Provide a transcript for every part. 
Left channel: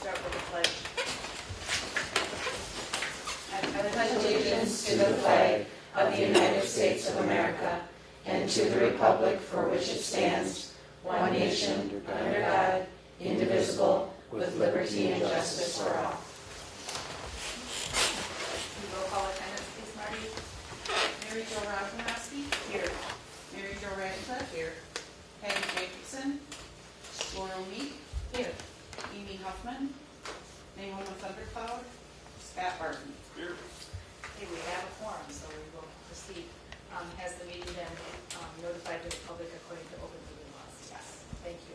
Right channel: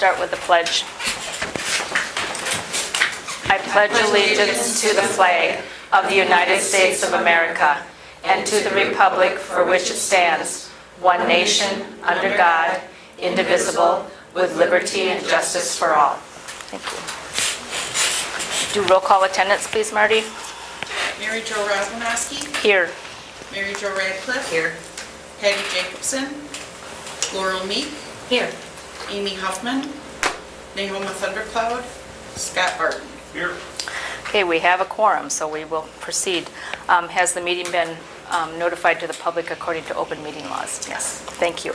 start with the pledge. I pledge allegiance to the flag of the United States of America and to the republic for which it stands, one nation, under God, indivisible, with liberty and justice for all. Thank you. Do roll call attendance, please, Marty. Mary Jo Rosmanowski, Here. Mary Jo Radcliffe, Here. Patty Jacobson, Laurel Meek, Here. Amy Huffman, Naoma Thundercloud, Scott Barton. Here. Okay, we have a quorum, so we will proceed. Has the meeting been notified to the public according to open meeting laws? Yes. Thank you.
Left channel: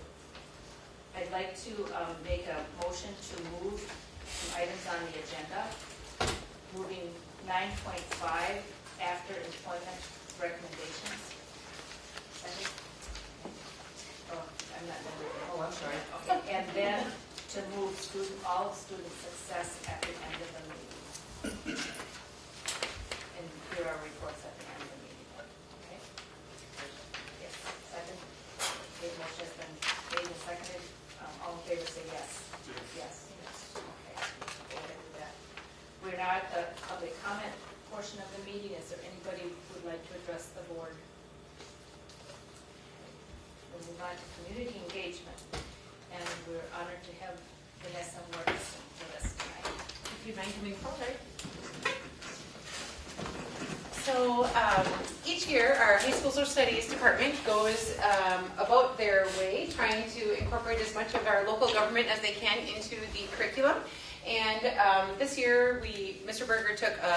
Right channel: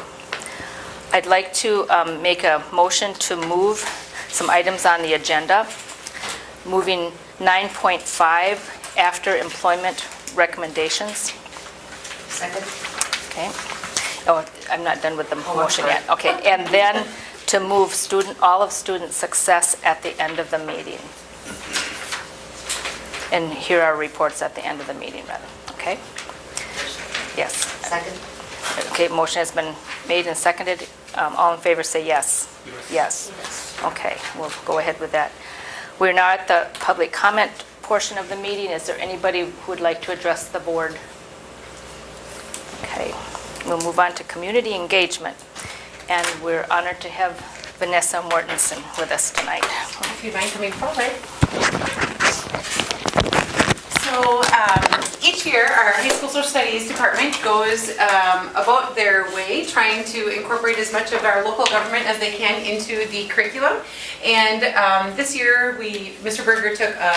I'd like to make a motion to move some items on the agenda, moving 9.5 after employment recommendations. Second. Okay. Oh, I'm not done with the motion yet. Okay, and then to move all of student success at the end of the meeting. And here are reports at the end of the meeting, rather. Okay? Yes. Second. Okay, motion has been made and seconded. All in favor say yes. Yes. Okay, we'll go ahead with that. We're now at the public comment portion of the meeting. Is there anybody who would like to address the board? Okay, we'll move on to community engagement. And we're honored to have Vanessa Mortensen with us tonight. If you'd mind coming forward. So each year, our high school social studies department goes about their way trying to incorporate as much of our local government as they can into the curriculum. And this year, Mr. Berger took a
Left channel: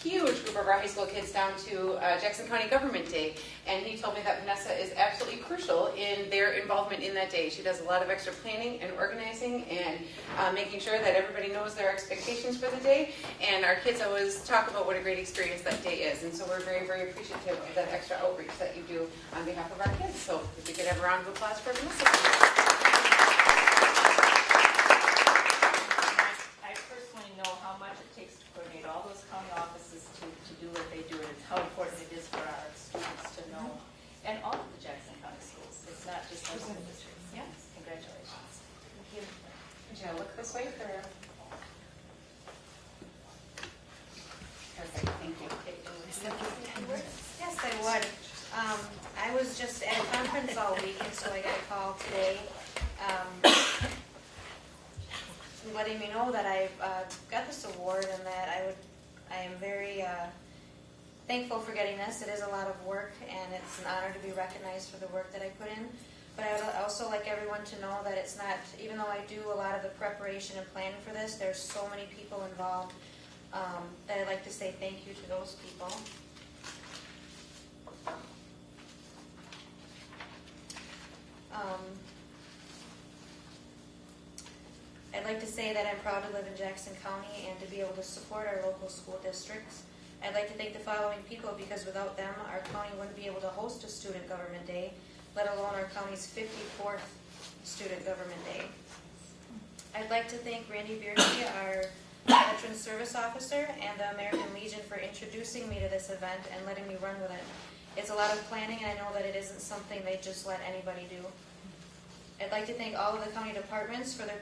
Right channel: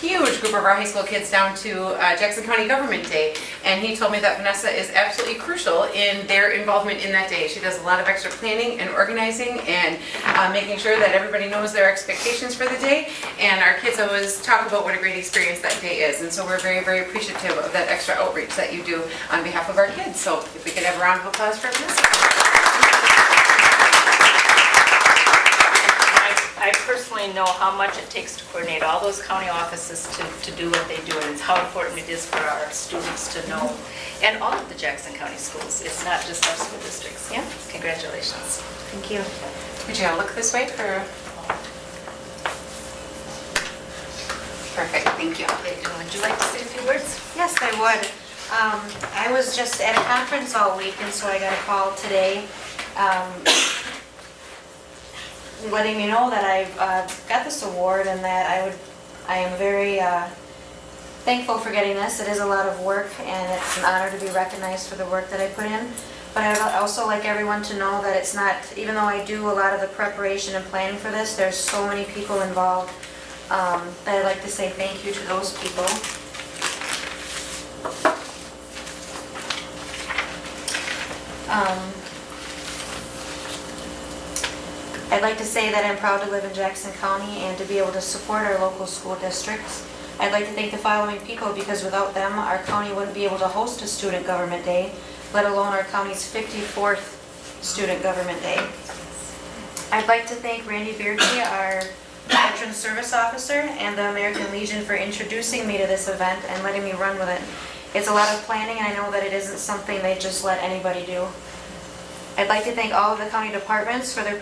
huge group of our high school kids down to Jackson County Government Day, and he told me that Vanessa is absolutely crucial in their involvement in that day. She does a lot of extra planning and organizing and making sure that everybody knows their expectations for the day, and our kids always talk about what a great experience that day is, and so we're very, very appreciative of that extra outreach that you do on behalf of our kids. So if we could have a round of applause for Vanessa. I personally know how much it takes to coordinate all those county offices to do what they do, and how important it is for our students to know, and all of the Jackson County schools. It's not just our school districts. Yeah, congratulations. Thank you. Would you look this way for? Perfect, thank you. Would you like to say a few words? Yes, I would. I was just at a conference all week, and so I got a call today letting me know that I've got this award and that I am very thankful for getting this. It is a lot of work, and it's an honor to be recognized for the work that I put in. But I would also like everyone to know that it's not, even though I do a lot of the preparation and planning for this, there's so many people involved that I'd like to say thank you to those people. I'd like to say that I'm proud to live in Jackson County and to be able to support our local school districts. I'd like to thank the following people, because without them, our county wouldn't be able to host a Student Government Day, let alone our county's 54th Student Government Day. I'd like to thank Randy Beardsey, our Veteran Service Officer, and the American Legion for introducing me to this event and letting me run with it. It's a lot of planning, and I know that it isn't something they just let anybody do. I'd like to thank all of the county departments for their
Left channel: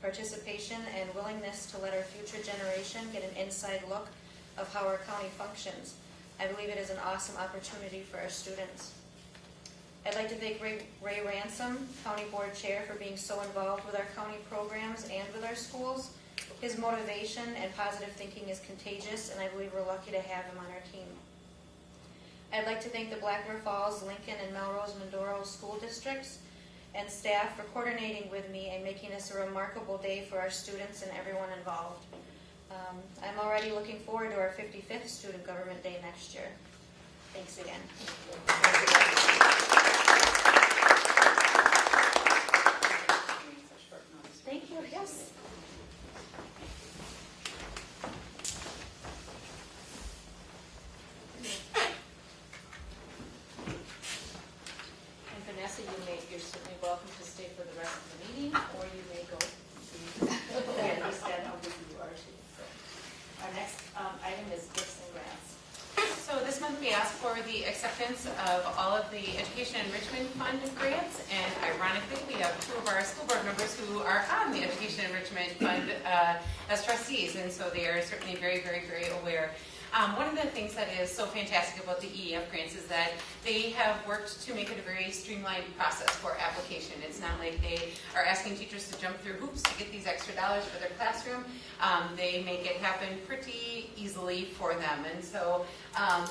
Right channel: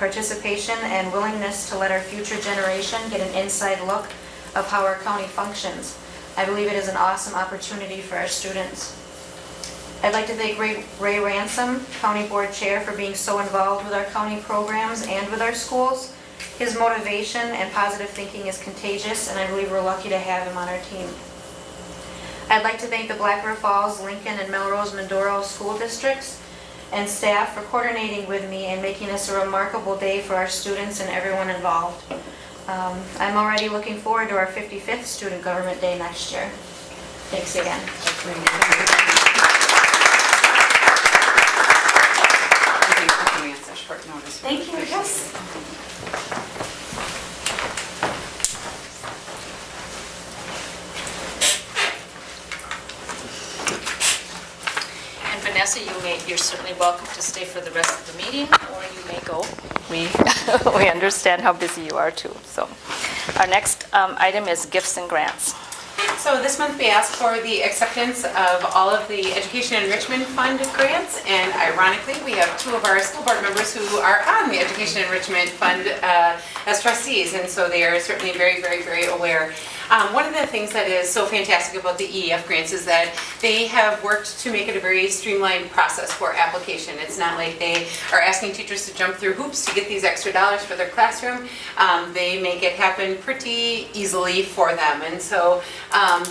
participation and willingness to let our future generation get an inside look of how our county functions. I believe it is an awesome opportunity for our students. I'd like to thank Ray Ransom, County Board Chair, for being so involved with our county programs and with our schools. His motivation and positive thinking is contagious, and I believe we're lucky to have him on our team. I'd like to thank the Black River Falls, Lincoln, and Melrose Mindoro school districts and staff for coordinating with me and making this a remarkable day for our students and everyone involved. I'm already looking forward to our 55th Student Government Day next year. Thanks again. Thank you. Yes. And Vanessa, you're certainly welcome to stay for the rest of the meeting, or you may go. We understand how busy you are too. So, our next item is gifts and grants. So this month we asked for the acceptance of all of the Education Enrichment Fund grants, and ironically, we have two of our school board members who are on the Education Enrichment Fund as trustees, and so they are certainly very, very, very aware. One of the things that is so fantastic about the EEF grants is that they have worked to make it a very streamlined process for application. It's not like they are asking teachers to jump through hoops to get these extra dollars for their classroom. They make it happen pretty easily for them. And so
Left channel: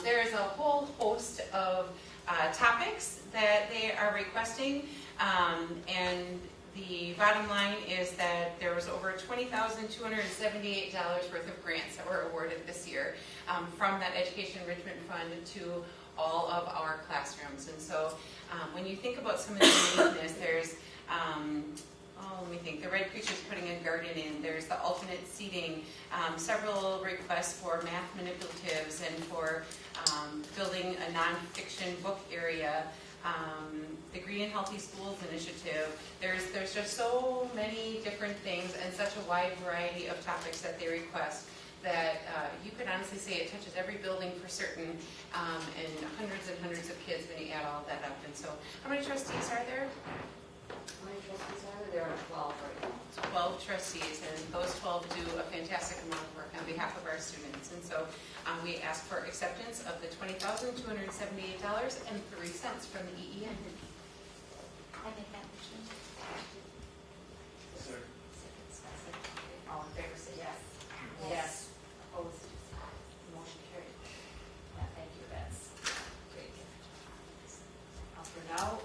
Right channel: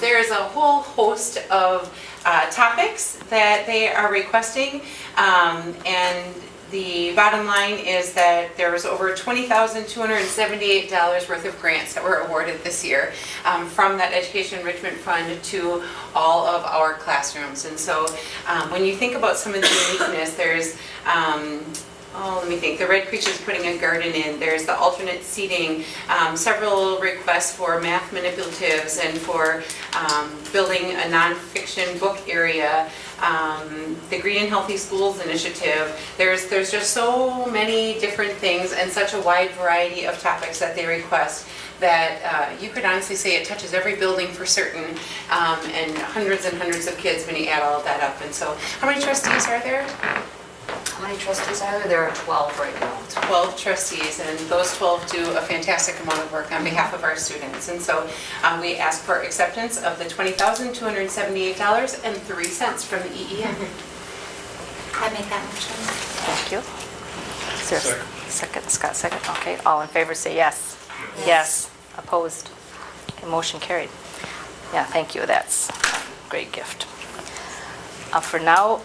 there is a whole host of topics that they are requesting, and the bottom line is that there was over $20,278 worth of grants that were awarded this year from that Education Enrichment Fund to all of our classrooms. And so when you think about some of the uniqueness, there's let me think. The Red Creatures putting a garden in. There's the alternate seating, several requests for math manipulatives and for building a nonfiction book area, the Green and Healthy Schools initiative. There's just so many different things and such a wide variety of topics that they request that you could honestly say it touches every building for certain, and hundreds of kids when you add all of that up. And so, how many trustees are there? How many trustees are there? There are 12 right now. 12 trustees, and those 12 do a fantastic amount of work on behalf of our students. And so we ask for acceptance of the $20,278.03 from the EEF. I make that motion. Thank you. Is there a second? Scott, second? Okay, all in favor say yes. Yes. Opposed? Okay, motion carried. Yeah, thank you, that's a great gift. For now,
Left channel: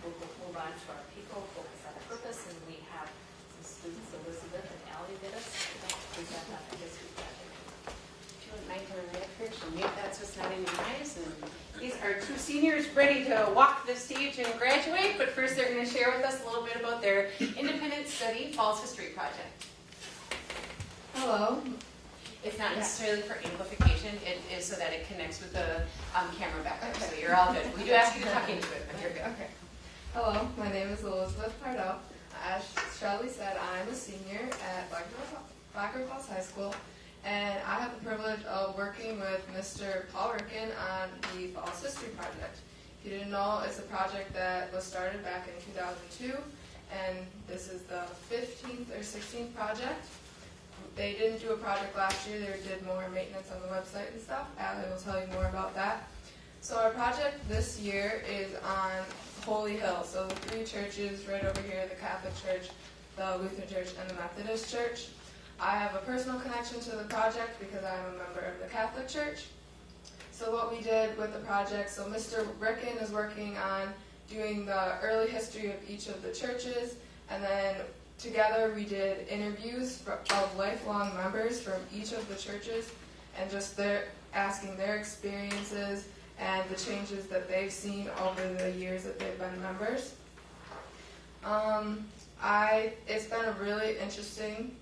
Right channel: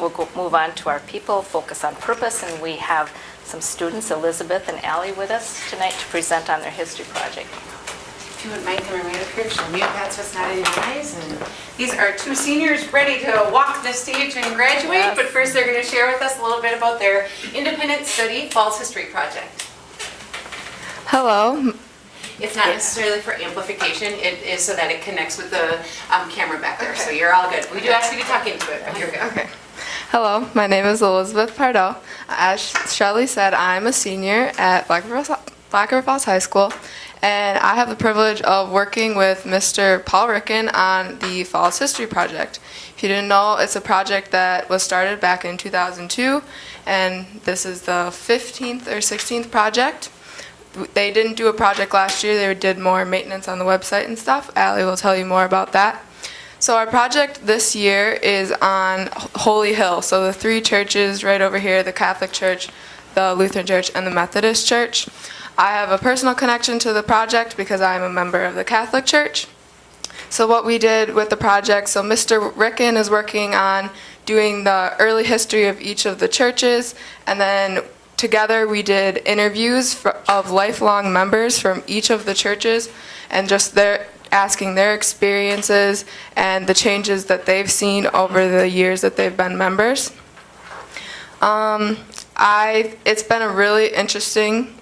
we'll move on to our people, focus on purpose, and we have some students, Elizabeth and Allie, with us tonight to present on their history project. If you wouldn't mind coming right up here, show me that's what's not in your eyes. And these are two seniors ready to walk the stage and graduate, Yes. but first they're going to share with us a little bit about their independent study Falls History Project. Hello. It's not necessarily for amplification, it is so that it connects with the camera back there, so you're all good. We do ask you to talk into it, but you're good. Okay. Hello, my name is Elizabeth Pardo. As Shelley said, I'm a senior at Black River Falls High School, and I have the privilege of working with Mr. Paul Ricken on the Falls History Project. If you didn't know, it's a project that was started back in 2002, and this is the 15th or 16th project. They didn't do a project last year, they did more maintenance on the website and stuff. Allie will tell you more about that. So our project this year is on Holy Hill, so the three churches right over here, the Catholic Church, the Lutheran Church, and the Methodist Church. I have a personal connection to the project because I'm a member of the Catholic Church. So what we did with the project, so Mr. Ricken is working on doing the early history of each of the churches, and then together we did interviews of lifelong members from each of the churches and just asking their experiences and the changes that they've seen over the years that they've been members. It's been a really interesting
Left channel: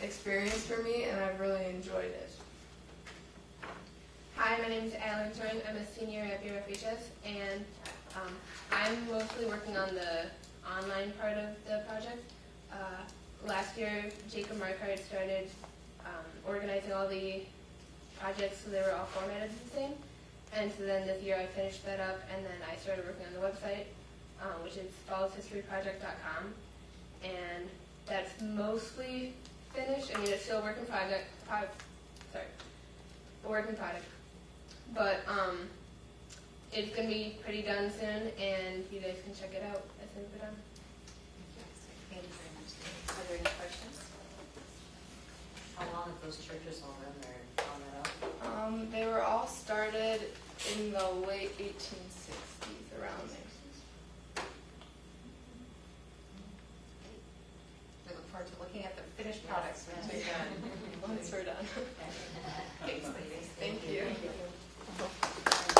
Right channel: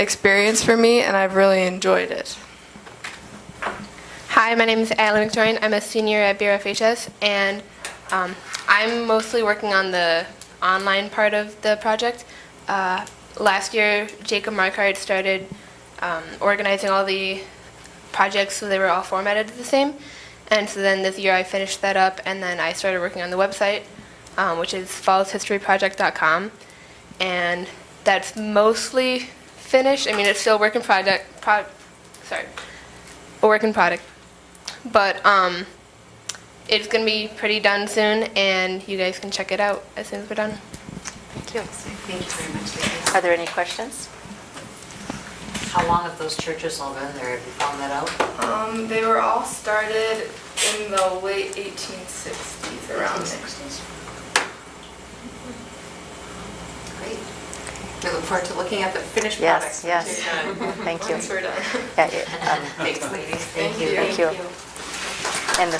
experience for me, and I've really enjoyed it. Hi, my name is Allie McJoyne. I'm a senior at BRFSD, and I'm mostly working on the online part of the project. Last year, Jacob Markard started organizing all the projects so they were all formatted the same. And so then this year I finished that up, and then I started working on the website, which is fallshistoryproject.com. And that's mostly finished. I mean, it's still a work in product. But it's going to be pretty done soon, and you guys can check it out as soon as we're done. Thank you. Thank you very much, ladies. Are there any questions? How long have those churches all been there? Have you found that out? They were all started in the late 1860s, around there. 60s. Great. We look forward to looking at the finished Yes, products. yes. Once you're done. Thank you. Once we're done. Yeah, Thanks, ladies. Thank you. Thank you. And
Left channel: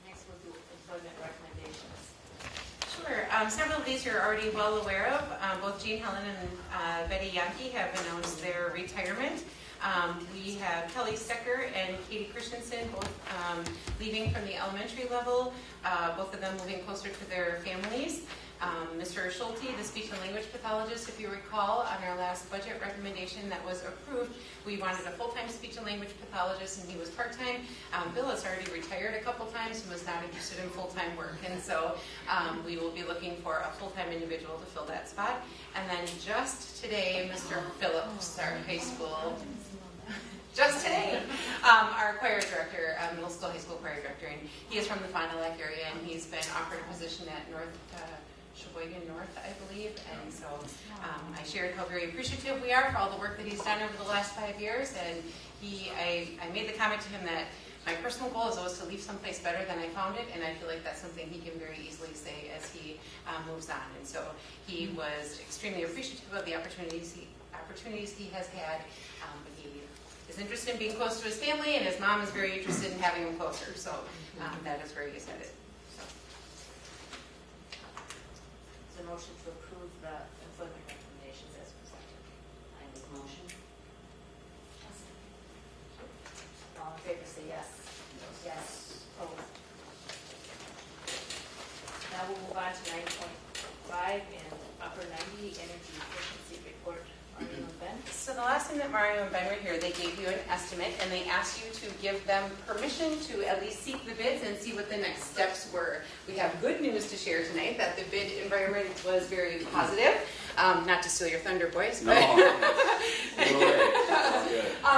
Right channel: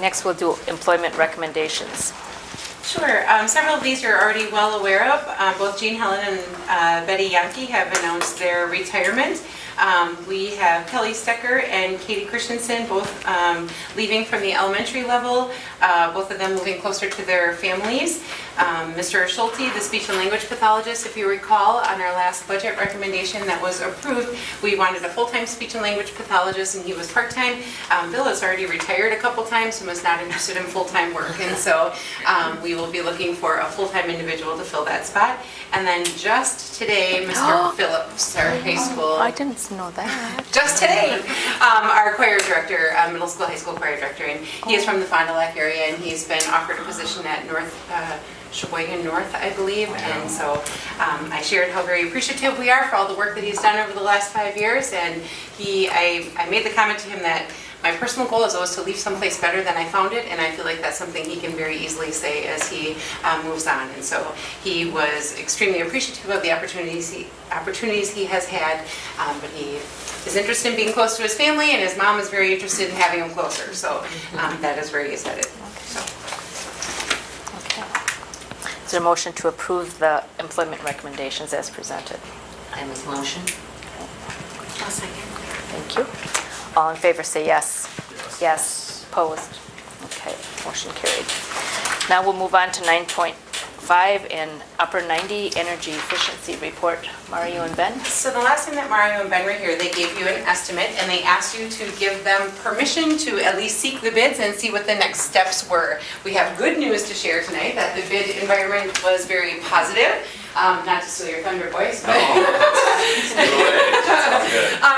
next we'll do employment recommendations. Sure. Several of these you're already well aware of. Both Jean Helen and Betty Yankee have announced their retirement. We have Kelly Stecker and Katie Christensen, both leaving from the elementary level, both of them moving closer to their families. Mr. Schulte, the speech and language pathologist, if you recall, on our last budget recommendation that was approved, we wanted a full-time speech and language pathologist, and he was part-time. Bill has already retired a couple times and was not interested in full-time work, and so we will be looking for a full-time individual to fill that spot. And then just today, Mr. Phillips, our high school. I didn't know that. Just today, our choir director, middle school, high school choir director, and he is from the Fond du Lac area, and he's been offered a position at Sheboygan North, I believe, and so I shared how very appreciative we are for all the work that he's done over the last 5 years, and I made the comment to him that my personal goal is always to leave someplace better than I found it, and I feel like that's something he can very easily say as he moves on, and so he was extremely appreciative of the opportunities he has had, but he is interested in being close to his family, and his mom is very interested in having him closer, so that is where he is headed. So. Okay. Is there a motion to approve the employment recommendations as presented? I make a motion. I'll second. Thank you. All in favor say yes. Yes. Opposed? Okay, motion carried. Now we'll move on to 9.5 and Upper 90 Energy Efficiency Report. Mario and Ben? So the last time that Mario and Ben were here, they gave you an estimate, and they asked you to give them permission to at least seek the bids and see what the next steps were. We have good news to share tonight, that the bid environment was very positive. Not to steal your thunder, boys, but,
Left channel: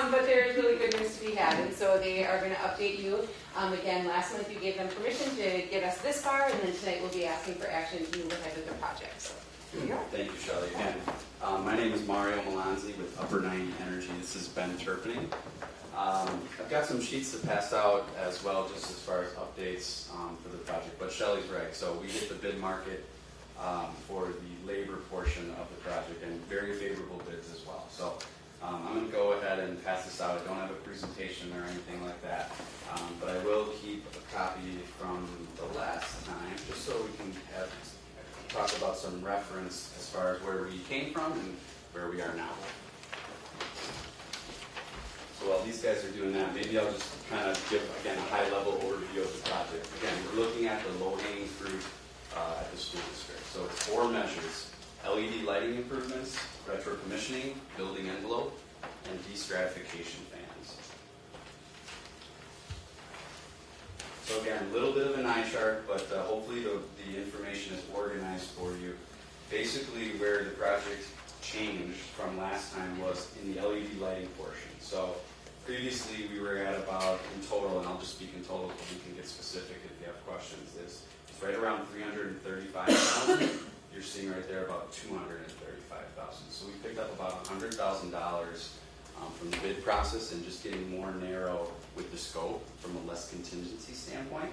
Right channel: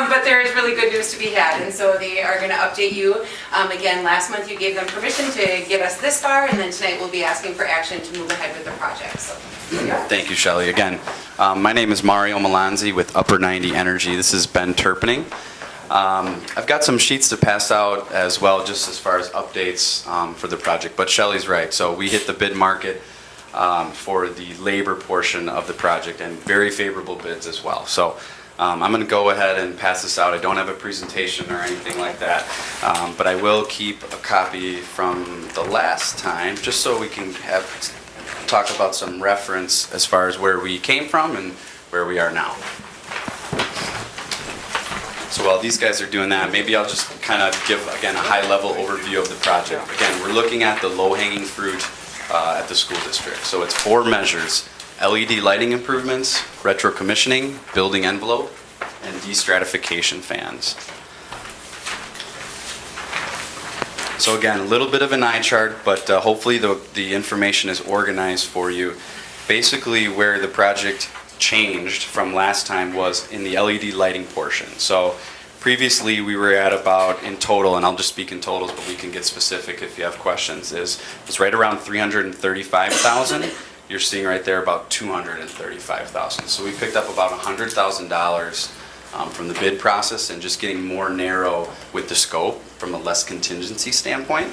but there is really good news to be had, and so they are going to update you. Again, last month you gave them permission to get us this far, and then tonight we'll be asking for action to move ahead with the project. So, Thank you, Shelley. Again, my name is Mario Melanzi with Upper 90 Energy. This is Ben Turpening. I've got some sheets to pass out as well, just as far as updates for the project, but Shelley's right. So we hit the bid market for the labor portion of the project, and very favorable bids as well. So I'm going to go ahead and pass this out. I don't have a presentation or anything like that, but I will keep a copy from the last time, just so we can talk about some reference as far as where we came from and where we are now. So while these guys are doing that, maybe I'll just kind of give, again, a high-level overview of the project. Again, we're looking at the low-hanging fruit at the school district. So it's 4 measures: LED lighting improvements, retro commissioning, building envelope, and destratification fans. So again, a little bit of an eye chart, but hopefully the information is organized for you. Basically, where the project changed from last time was in the LED lighting portion. So previously we were at about, in total, and I'll just speak in totals, but we can get specific if you have questions, it's right around $335,000. You're seeing right there about $235,000. So we picked up about $100,000 from the bid process and just getting more narrow with the scope from a less contingency standpoint.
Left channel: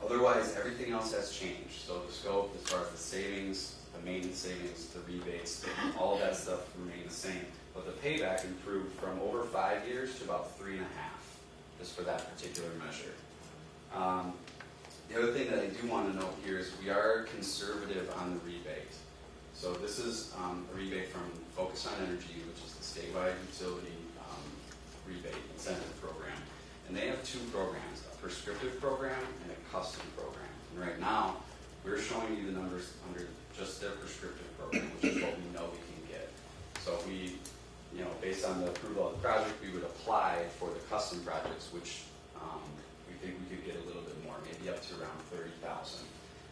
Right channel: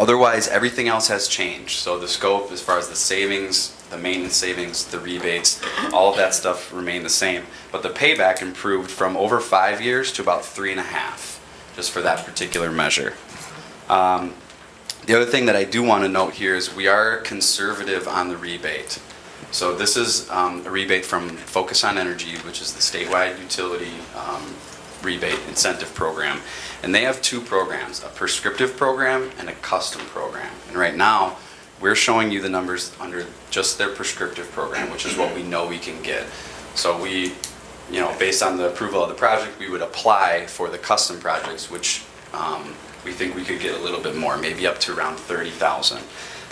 Otherwise, everything else has changed. So the scope, as far as the savings, the maintenance savings, the rebates, all of that stuff remained the same. But the payback improved from over 5 years to about 3.5, just for that particular measure. The other thing that I do want to note here is we are conservative on the rebate. So this is a rebate from Focus on Energy, which is the statewide utility rebate incentive program. And they have 2 programs, a prescriptive program and a custom program. And right now, we're showing you the numbers under just their prescriptive program, which is what we know we can get. So we, based on the approval of the project, we would apply for the custom projects, which we think we could get a little bit more, maybe up to around $30,000.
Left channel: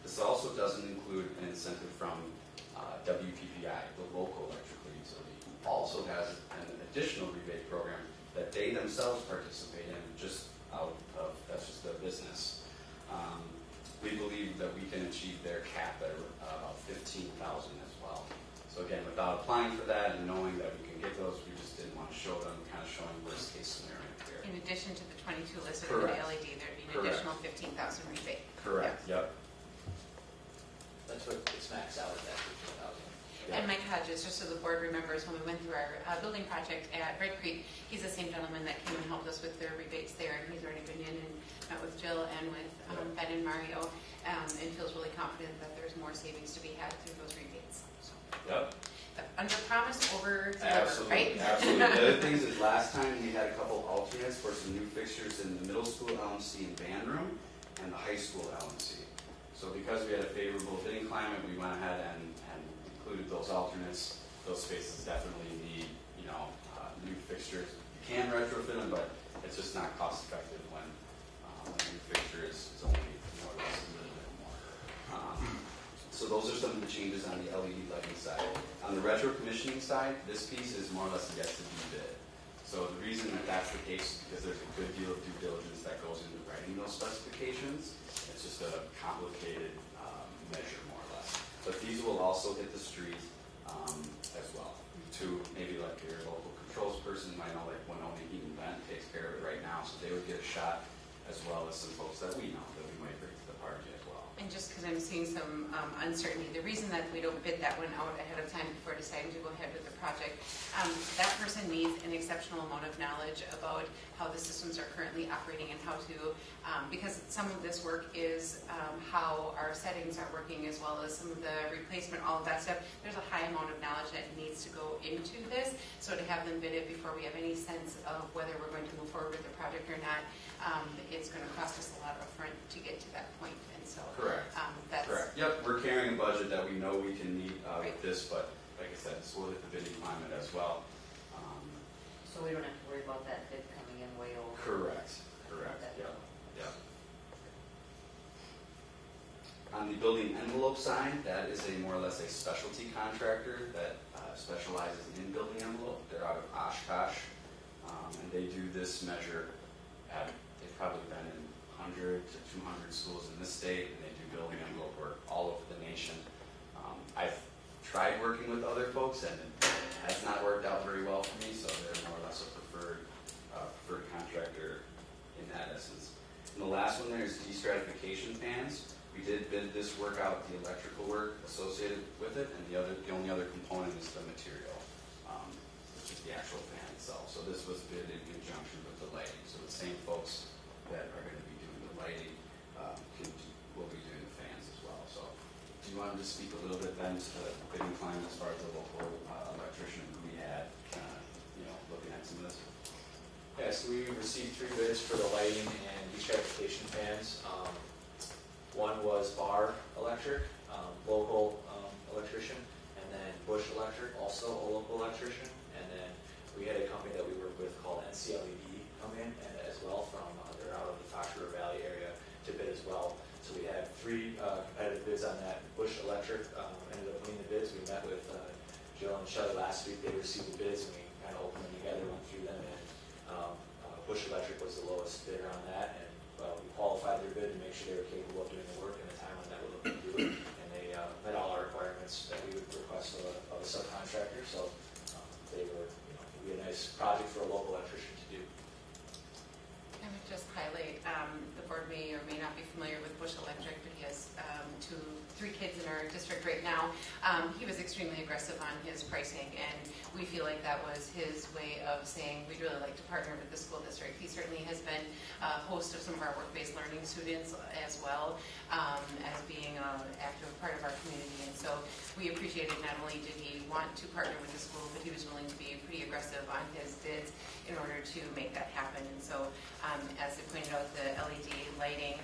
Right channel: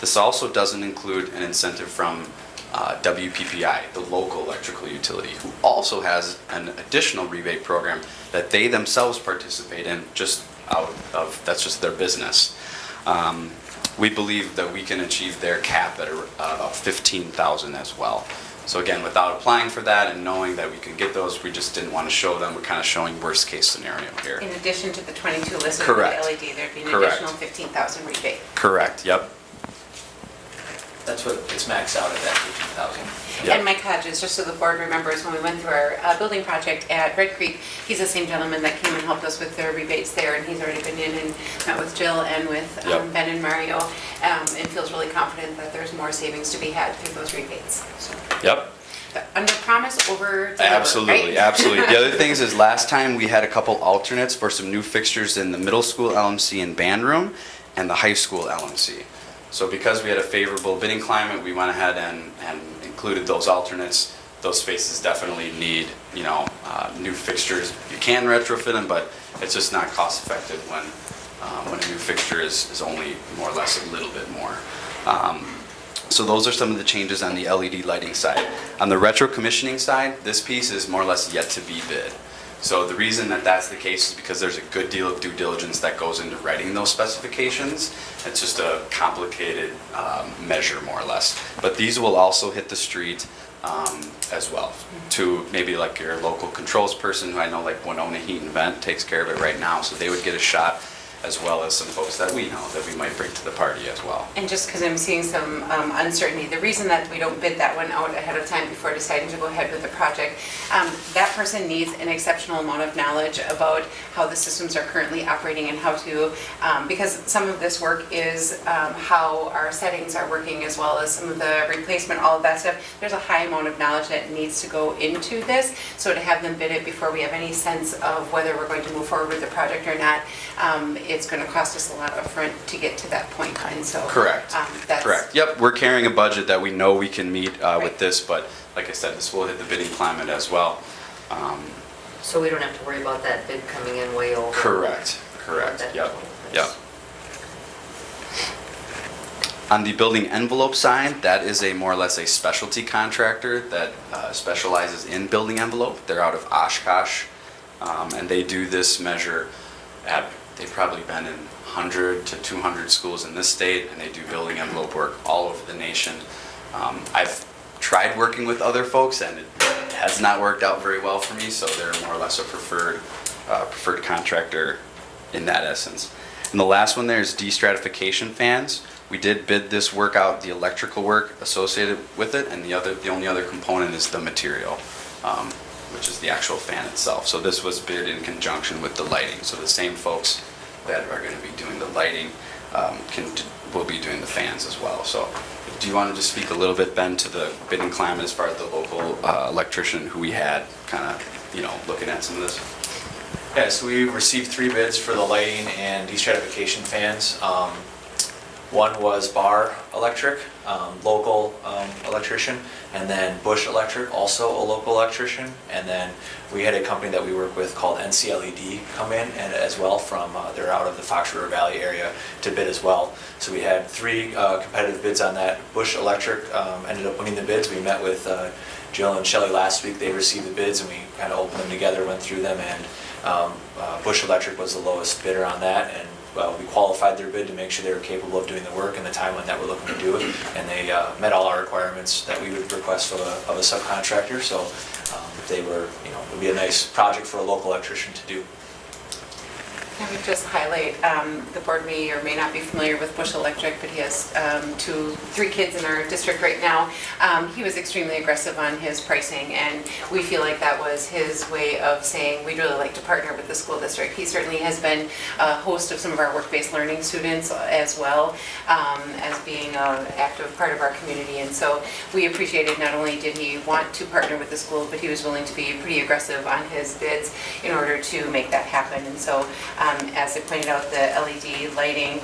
This also doesn't include an incentive from WPPI, the local electrical utility, who also has an additional rebate program that they themselves participate in, just out of, that's just their business. We believe that we can achieve their cap at about $15,000 as well. So again, without applying for that and knowing that we can get those, we just didn't want to show them. We're kind of showing worst case scenario here. in addition to the 22 listed Correct. for the LED, there'd be an Correct. additional 15,000 rebate. Correct, yep. That's what it's maxed out at, that 15,000. Yep. And Mike Hodges, just so the board remembers, when we went through our building project at Red Creek, he's the same gentleman that came and helped us with their rebates there, and he's already been in and met with Jill and with Yep. Ben and Mario, and feels really confident that there's more savings to be had through those rebates. So. Yep. under promise, over deliver, Absolutely, right? absolutely. The other things is last time we had a couple alternates for some new fixtures in the middle school LMC and band room and the high school LMC. So because we had a favorable bidding climate, we went ahead and included those alternates. Those spaces definitely need, new fixtures. You can retrofit them, but it's just not cost effective when a new fixture is only more or less a little bit more. So those are some of the changes on the LED lighting side. On the retro commissioning side, this piece is more or less yet to be bid. So the reason that that's the case is because there's a good deal of due diligence that goes into writing those specifications. It's just a complicated measure, more or less. But these will also hit the street as well, to maybe like your local controls person, who I know like Winona Heat and Vent takes care of it right now, so they would get a shot, as well as some folks that we know that we might bring to the party as well. And just because I'm seeing some uncertainty, the reason that we don't bid that one out ahead of time before deciding to go ahead with the project, that person needs an exceptional amount of knowledge about how the systems are currently operating and how to, because some of this work is how our settings are working, as well as some of the replacement, all of that stuff. There's a high amount of knowledge that needs to go into this, so to have them bid it before we have any sense of whether we're going to move forward with the project or not, it's going to cost us a lot upfront to get to that point, and so. Correct. That's. Correct. Yep, we're carrying a budget that we know we can meet with this, but like I said, this will hit the bidding climate as well. So we don't have to worry about that bid coming in way over. Correct, what correct, that yep, is. yep. On the building envelope side, that is a more or less a specialty contractor that specializes in building envelope. They're out of Oshkosh, and they do this measure at, they've probably been in 100 to 200 schools in this state, and they do building envelope work all over the nation. I've tried working with other folks, and it has not worked out very well for me, so they're more or less a preferred contractor in that essence. And the last one there is destratification fans. We did bid this work out, the electrical work associated with it, and the only other component is the material, which is the actual fan itself. So this was bid in conjunction with the lighting. So the same folks that are going to be doing the lighting will be doing the fans as well. So do you want to just speak a little bit, Ben, to the bidding climate as far as the local electrician who we had kind of, looking at some of this? Yeah, so we received 3 bids for the lighting and destratification fans. One was Bar Electric, local electrician, and then Bush Electric, also a local electrician. And then we had a company that we work with called NCLED come in and as well from, they're out of the Fox River Valley area to bid as well. So we had 3 competitive bids on that. Bush Electric ended up winning the bids. We met with Jill and Shelley last week. They received the bids and we kind of opened them together, went through them, and Bush Electric was the lowest bidder on that. And we qualified their bid to make sure they were capable of doing the work in the timeline that we're looking to do it, and they met all our requirements that we would request of a subcontractor. So they were, it would be a nice project for a local electrician to do. I would just highlight, the board may or may not be familiar with Bush Electric, but he has 3 kids in our district right now. He was extremely aggressive on his pricing, and we feel like that was his way of saying, we'd really like to partner with the school district. He certainly has been a host of some of our work-based learning students as well, as being an active part of our community. And so we appreciated, not only did he want to partner with the school, but he was willing to be pretty aggressive on his bids in order to make that happen. And so as I pointed out, the LED lighting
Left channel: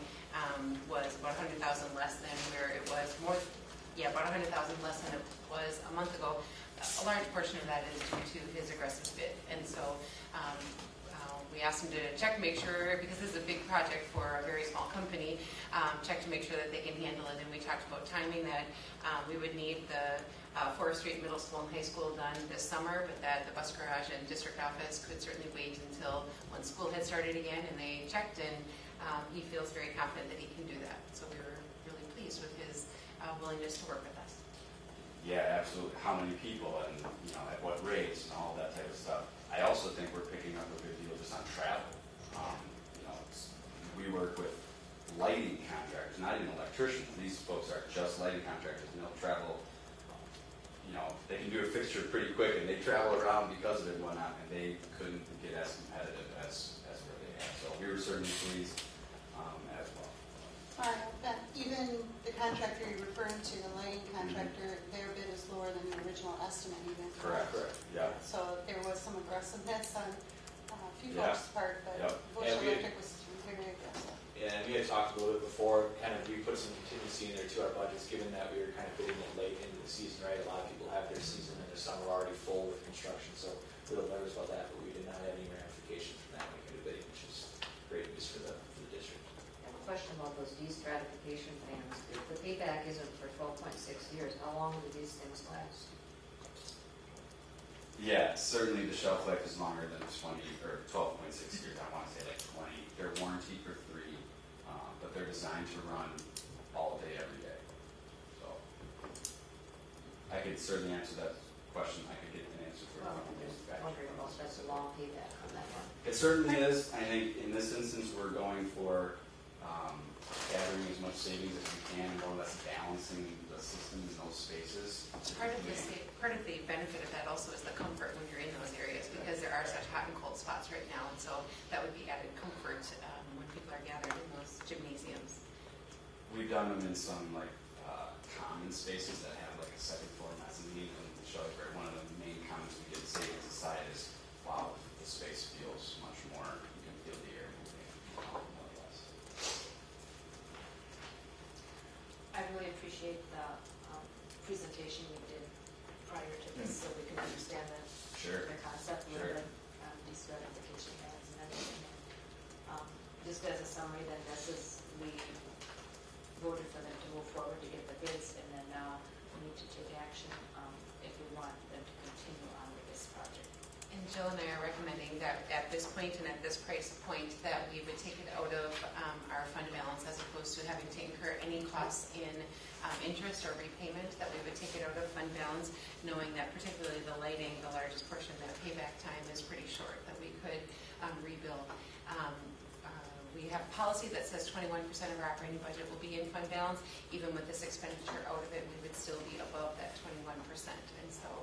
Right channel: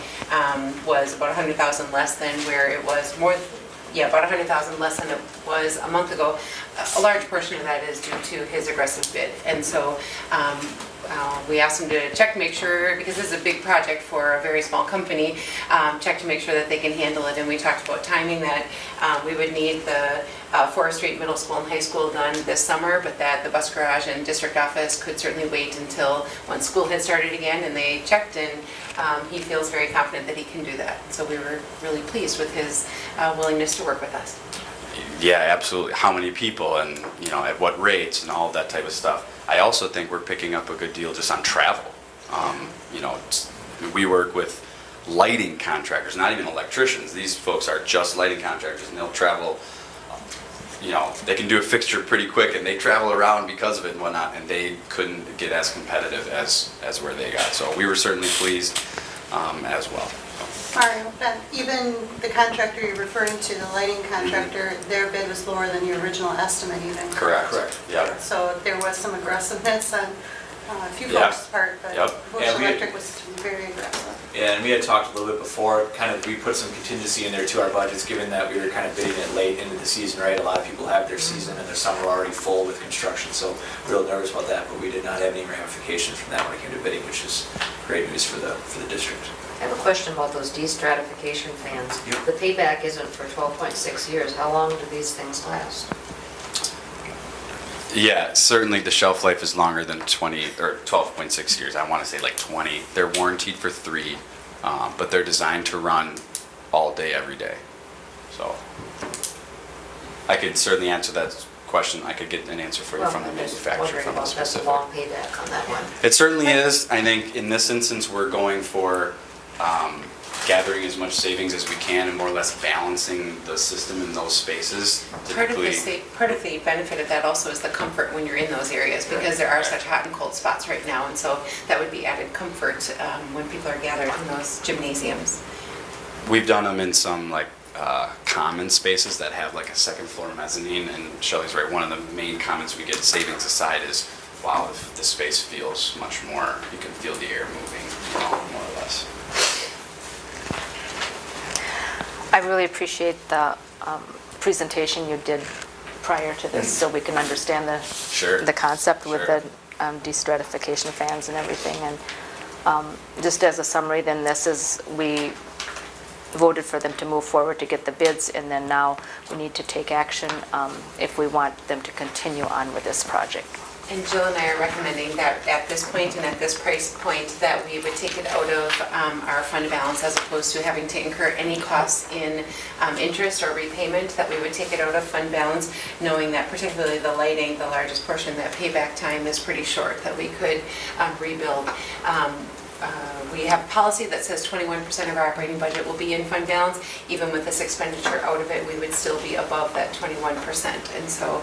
was about $100,000 less than where it was about $100,000 less than it was a month ago. A large portion of that is due to his aggressive bid. And so we asked him to check to make sure, because this is a big project for a very small company, check to make sure that they can handle it. And we talked about timing, that we would need the Forest Street Middle School and High School done this summer, but that the bus garage and district office could certainly wait until when school had started again. And they checked, and he feels very confident that he can do that. So we were really pleased with his willingness to work with us. Yeah, absolutely. How many people and, at what rates and all of that type of stuff. I also think we're picking up a good deal just on travel. We work with lighting contractors, not even electricians. These folks are just lighting contractors, and they'll travel, they can do a fixture pretty quick, and they travel around because of it and whatnot, and they couldn't get as competitive as where they got. So we were certainly pleased as well. Mario, even the contractor you're referring to, the lighting contractor, their bid was lower than your original estimate even. Correct. Yeah. So there was some aggressiveness on a few Yeah. folks' part, but Yep. Bush And we- Electric was very aggressive. Yeah, and we had talked a little bit before, we put some contingency in there to our budgets, given that we were kind of bidding it late into the season, right? A lot of people have their season and their summer already full with construction, so real nervous about that, but we did not have any ramifications from that when it came to bidding, which is great news for the district. I have a question about those de-stratification fans. Yep. The payback isn't for 12.6 years. How long do these things last? Yeah, certainly the shelf life is longer than 20 or 12.6 years. I want to say like 20. They're warranted for 3, but they're designed to run all day, every day. So I could certainly answer that question. I could get an answer for you Well, from the I'm just manufacturer, wondering from the about that's a specific. long payback on that one. It certainly is. I think in this instance, we're going for gathering as much savings as we can and more or less balancing the system in those spaces. Part of Typically, the benefit of that also is the comfort when you're in those areas, because there are such hot and cold spots right now, and so that would be added comfort when people are gathered in those gymnasiums. we've done them in some like common spaces that have like a second floor mezzanine, and Shelley's right, one of the main comments we get savings aside is, wow, the space feels much more, you can feel the air moving, you know, more or less. I really appreciate the presentation you did prior to this, so we can understand Sure. the concept with Sure. the de-stratification fans and everything. And just as a summary, then this is, we voted for them to move forward to get the bids, and then now we need to take action if we want them to continue on with this project. And Jill and I are recommending that at this point and at this price point, that we would take it out of our fund balance as opposed to having to incur any costs in interest or repayment, that we would take it out of fund balance, knowing that particularly the lighting, the largest portion, that payback time is pretty short, that we could rebuild. We have a policy that says 21% of our operating budget will be in fund balance. Even with this expenditure out of it, we would still be above that 21%. And so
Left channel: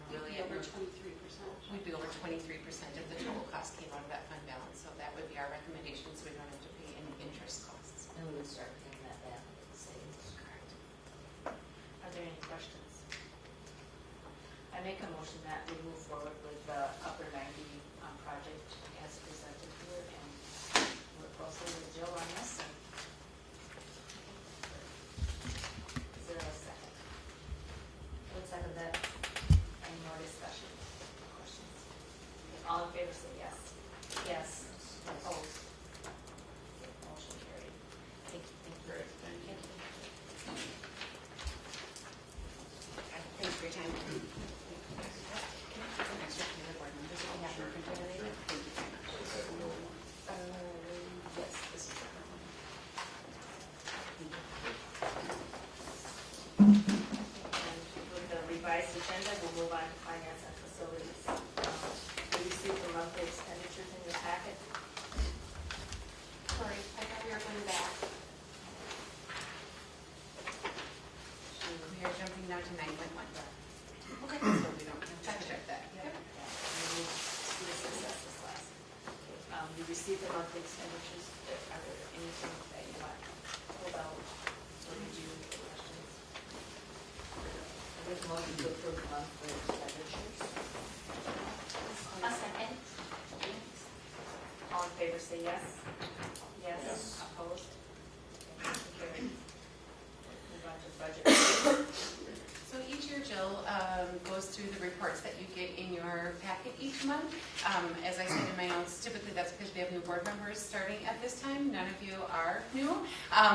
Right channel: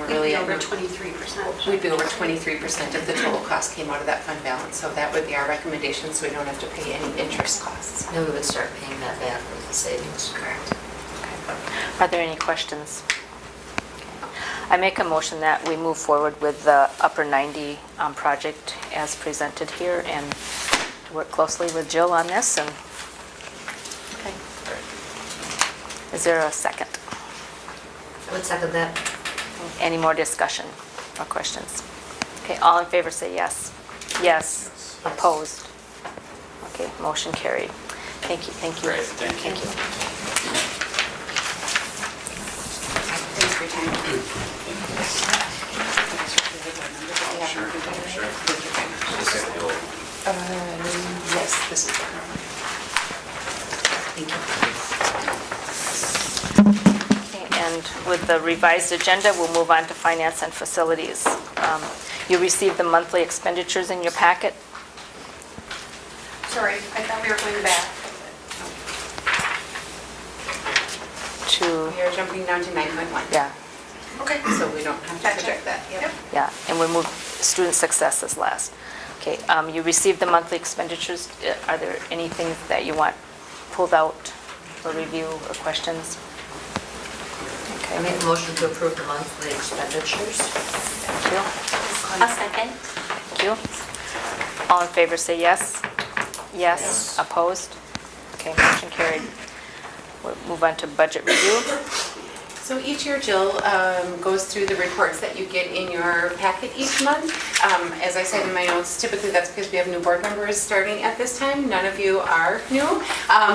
we're really We'd be over 23%. We'd be over 23% if the total cost came out of that fund balance. So that would be our recommendation, so we don't have to pay any interest costs. Then we would start paying that back with the savings. Correct. Are there any questions? I make a motion that we move forward with the Upper 90 project as presented here, and to work closely with Jill on this. And okay. Is there a second? I would second that. Any more discussion or questions? Okay, all in favor say yes. Yes. Opposed? Okay, motion carried. Thank you, thank you. Great, thank you. Thanks for your time. Yes, this is. Thank you. Okay, and with the revised agenda, we'll move on to finance and facilities. You received the monthly expenditures in your packet. Sorry, I thought we were going back. To, We are jumping down to 9.1. yeah, Okay. So we don't have to Gotcha. project that. Yep. yeah, and we'll move student success as last. Okay, you received the monthly expenditures. Are there anything that you want pulled out for review or questions? I make a motion to approve the monthly expenditures. Thank you. A second. Thank you. All in favor, say yes. Yes. Opposed? Okay, motion carried. We'll move on to budget review. So each year, Jill goes through the reports that you get in your packet each month. As I said in my notes, typically that's because we have new board members starting at this time. None of you are new.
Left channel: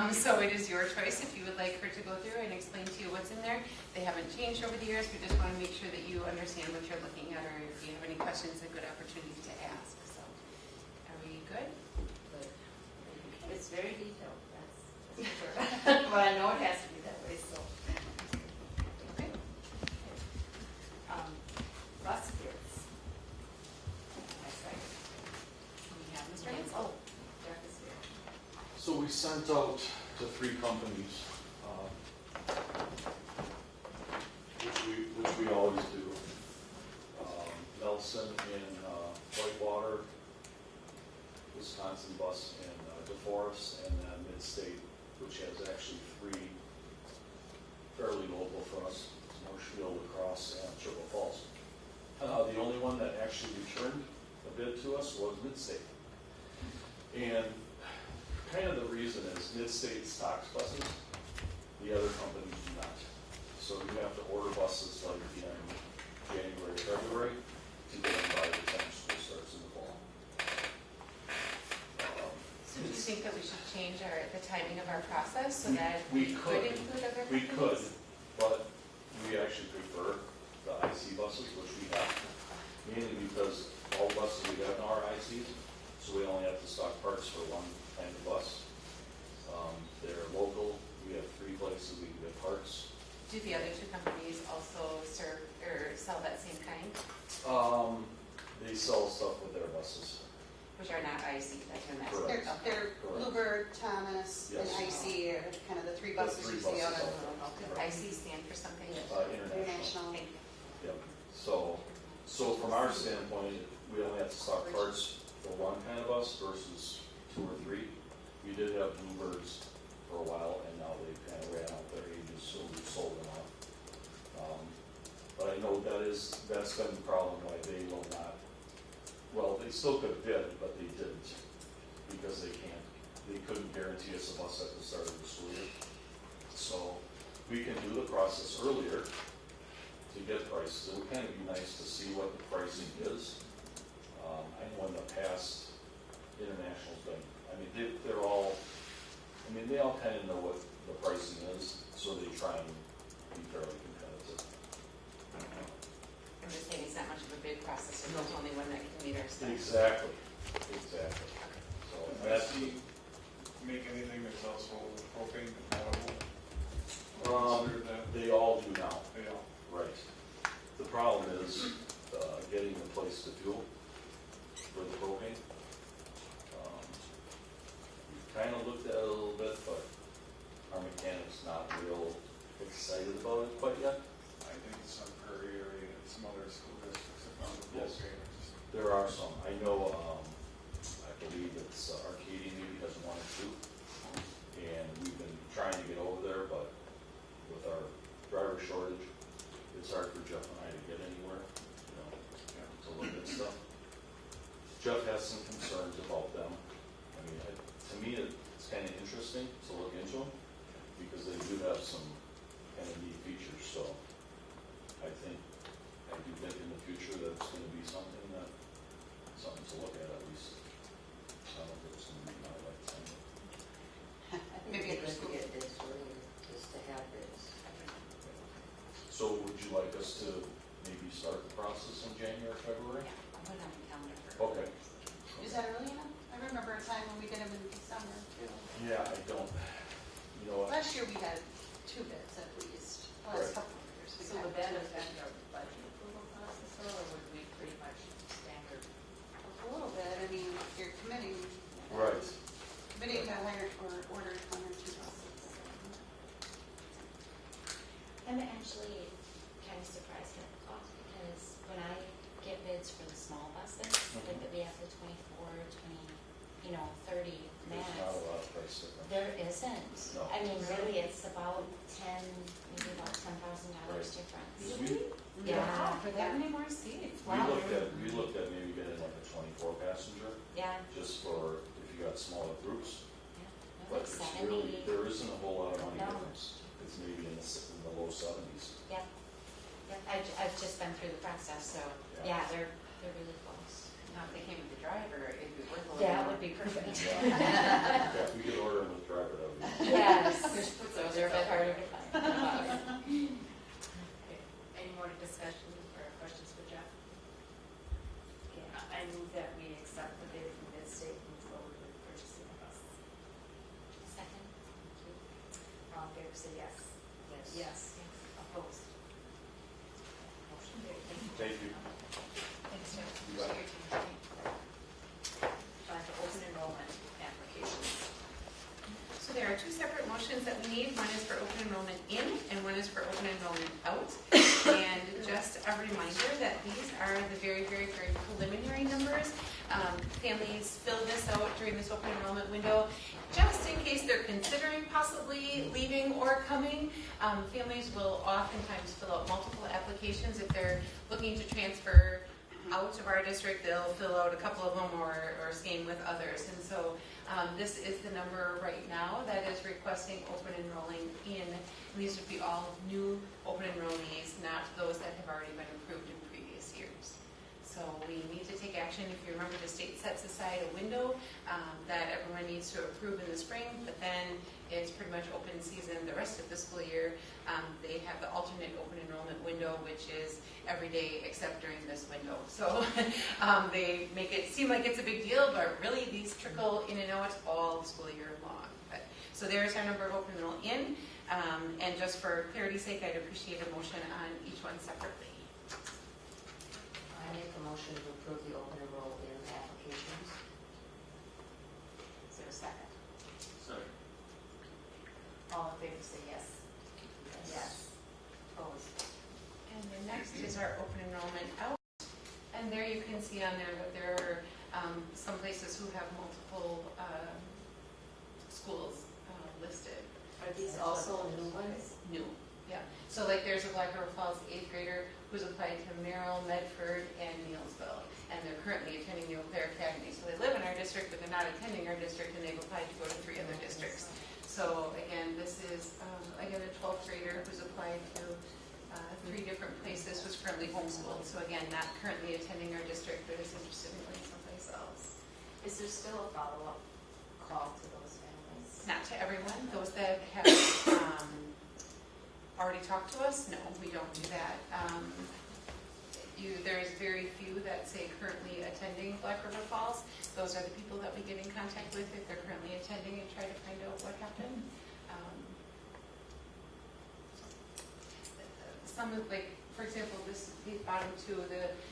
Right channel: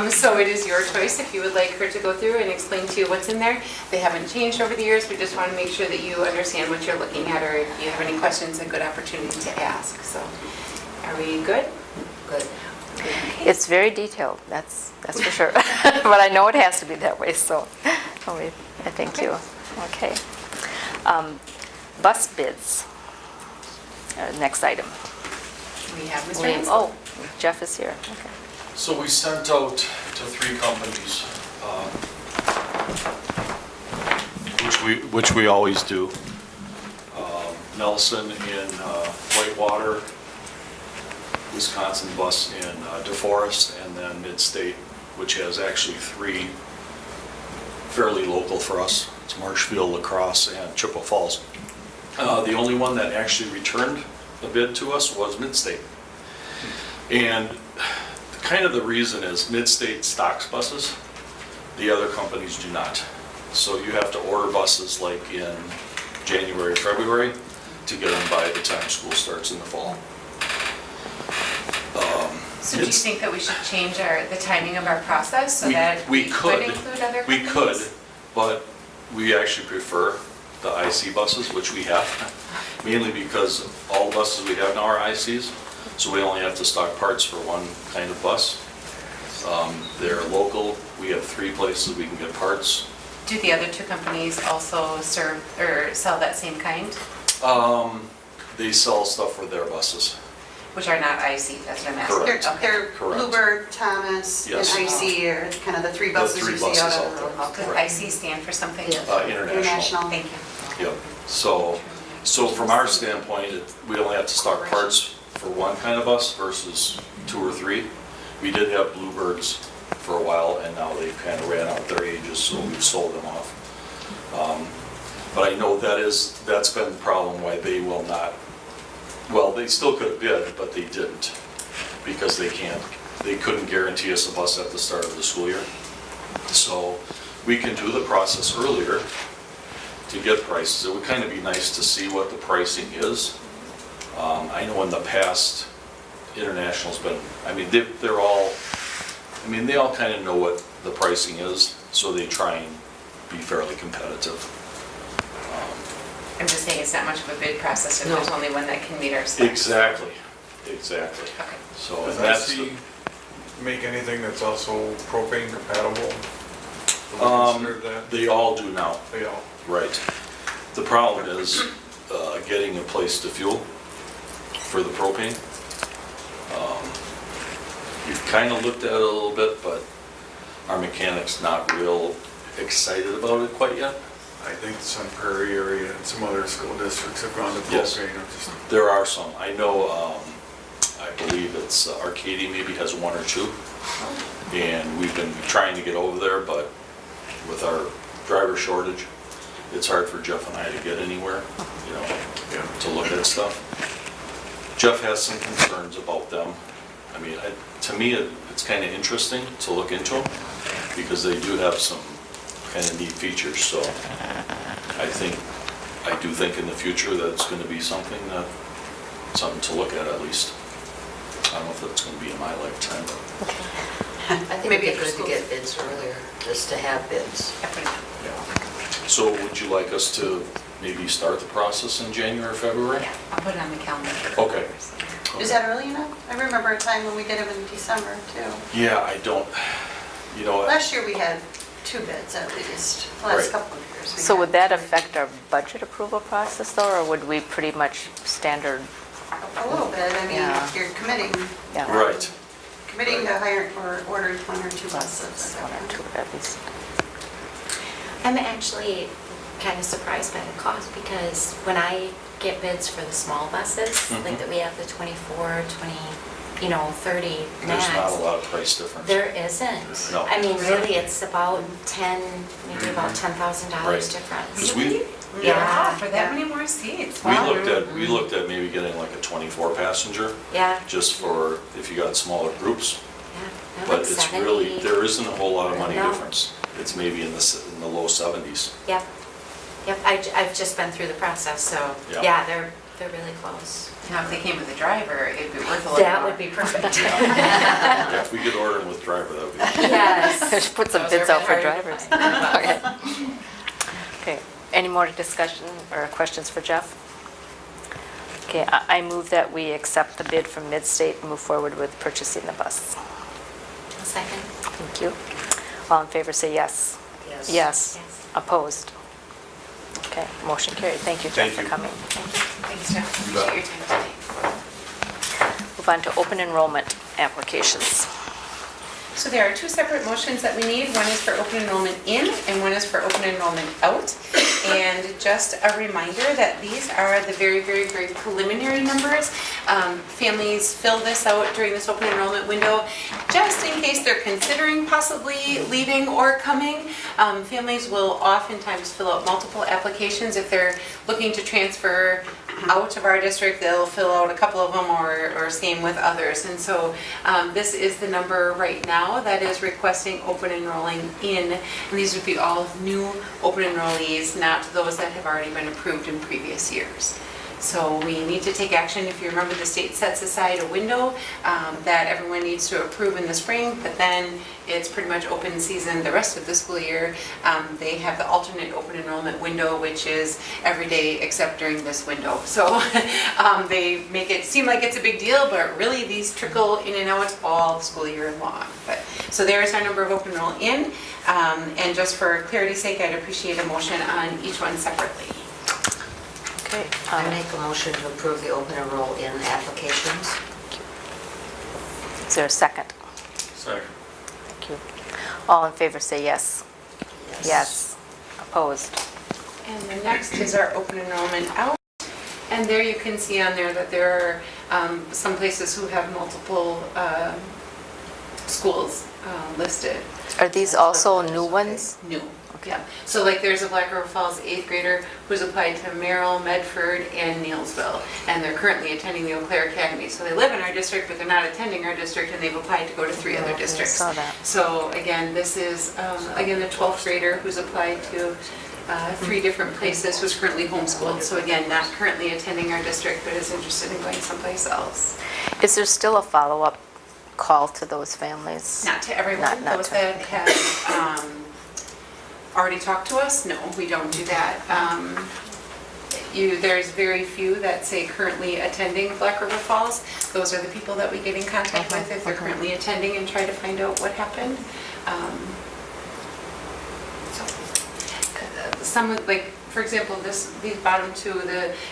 So it is your choice if you would like her to go through and explain to you what's in there. They haven't changed over the years. We just want to make sure that you understand what you're looking at, or if you have any questions, a good opportunity to ask. So are we good? Good. It's very detailed, that's for sure. But I know it has to be that way, so I thank you. Okay. Bus bids. Next item. We have Mr. William- Hansel. Oh, Jeff is here. Okay. So we sent out to 3 companies, which we always do. Nelson in Whitewater, Wisconsin Bus in DeForest, and then Midstate which has actually 3 fairly local for us. It's Marshfield, La Crosse, and Chippewa Falls. The only one that actually returned a bid to us was Midstate. And kind of the reason is Midstate stocks buses, the other companies do not. So you have to order buses like in January, February to get them by the time school starts in the fall. So do you think that we should change the timing of our process so We- that we we could. could include other We companies? could, but we actually prefer the IC buses, which we have, mainly because all the buses we have now are ICs, so we only have to stock parts for one kind of bus. They're local, we have 3 places we can get parts. Do the other 2 companies also serve or sell that same kind, They sell stuff for their buses. which are not IC, that's what I'm asking? Correct. Okay. They're Correct. Bluebird, Thomas, and Yes. IC are kind of the 3 buses three you see buses out out of there. Does Correct. IC stand for something? International. International. Thank you. Yep, so from our standpoint, we only have to stock parts for one kind of bus versus 2 or 3. We did have Bluebirds for a while, and now they've kind of ran out their ages, so we've sold them off. But I know that's been the problem why they will not, well, they still could have bid, but they didn't, because they couldn't guarantee us a bus at the start of the school year. So we can do the process earlier to get prices. It would kind of be nice to see what the pricing is. I know in the past, International's been, I mean, they're all, I mean, they all kind of know what the pricing is, so they try and be fairly competitive. I'm just saying it's not much of a bid process if No. there's only one that can meet our specs. Exactly. Okay. So Does that's, IC make anything that's also propane compatible? Do we consider that? they all do now. They all, Right. The problem is getting a place to fuel for the propane. We've kind of looked at it a little bit, but our mechanic's not real excited about it quite yet. I think some Prairie area and some other school districts have gone to Yes. propane. I'm just- There are some. I know, I believe it's Arcadia maybe has 1 or 2. And we've been trying to get over there, but with our driver shortage, it's hard for Jeff and I to get anywhere, you know, Yeah. to look at stuff. Jeff has some concerns about them. I mean, to me, it's kind of interesting to look into them because they do have some kind of neat features. So I do think in the future that it's going to be something to look at least. I don't know if it's going to be in my lifetime. I think it'd Maybe be after good to school. get bids earlier, just to have bids. So would you like us to maybe start the process in January or February? Yeah, I'll put it on the calendar. Okay. Is that early enough? I remember a time when we did them in December, too. Yeah, I don't, you know, Last year, we had 2 bids at least, the last Right. couple of years. we So had would that 2. affect our budget approval process though, or would we pretty much standard? A little bit, I mean, Yeah. you're committing Yeah. right. to hire or order 1 or 2 buses. 1 or 2 at least. I'm actually kind of surprised by the cost because when I get bids for the small buses, like that we have the 24, 20, 30 max. There's not a lot of price difference. There isn't. No. I mean, really, it's about maybe about $10,000 Right. difference. 'Cause we, Yeah, for that many more seats. we Wow. looked at maybe getting like a 24 passenger, Yeah, just for if you got smaller groups. yeah. No, But like it's 70. really, there isn't a whole lot of money No. difference. It's maybe in the low 70s. Yep, yep. I've just been through the process, so Yeah. yeah, they're really close. Now, if they came with a driver, it'd be worth a little more. That would be perfect. Yeah, if we could order them with driver, that would be. Yes. Just put some Those bids are out for hard to drivers. find. Okay, any more discussion or questions for Jeff? Okay, I move that we accept the bid from Midstate and move forward with purchasing the bus. A second. Thank you. All in favor, say yes. Yes. Yes. Yes. Opposed? Okay, motion carried. Thank you, Jeff, Thank for you. coming. Thanks, Jeff. You bet. Appreciate your time today. Move on to open enrollment applications. So there are two separate motions that we need. One is for open enrollment in and one is for open enrollment out. And just a reminder that these are the very, very, very preliminary numbers. Families fill this out during this open enrollment window just in case they're considering possibly leaving or coming. Families will oftentimes fill out multiple applications. If they're looking to transfer out of our district, they'll fill out a couple of them or same with others. And so this is the number right now that is requesting open enrolling in. And these would be all new open enrollees, not those that have already been approved in previous years. So we need to take action. If you remember, the state sets aside a window that everyone needs to approve in the spring, but then it's pretty much open season the rest of the school year. They have the alternate open enrollment window, which is every day except during this window. So they make it seem like it's a big deal, but really these trickle in and out all school year long. So there is our number of open enroll in. And just for clarity's sake, I'd appreciate a motion on each one separately. Okay. I make a motion to approve the open enroll in applications. Is there a second? Second. Thank you. All in favor say yes. Yes. Opposed? And the next is our open enrollment out. And there you can see on there that there are some places who have multiple schools listed. Are these also new ones? New, yeah. So like there's a Black River Falls 8th grader who's applied to Merrill, Medford, and Neillsville. And they're currently attending the Eau Claire Academy. So they live in our district, but they're not attending our district, and they've applied to go to 3 other districts. I saw that. So again, this is, again, the 12th grader who's applied to 3 different places, who's currently homeschooled. So again, not currently attending our district, but is interested in going someplace else. Is there still a follow-up call to those families? Not to everyone. Not Those to- that have already talked to us, no, we don't do that. There's very few that say currently attending Black River Falls. Those are the people that we get in contact with if they're currently attending and try to find out what happened. Some of, like, for example, these bottom two,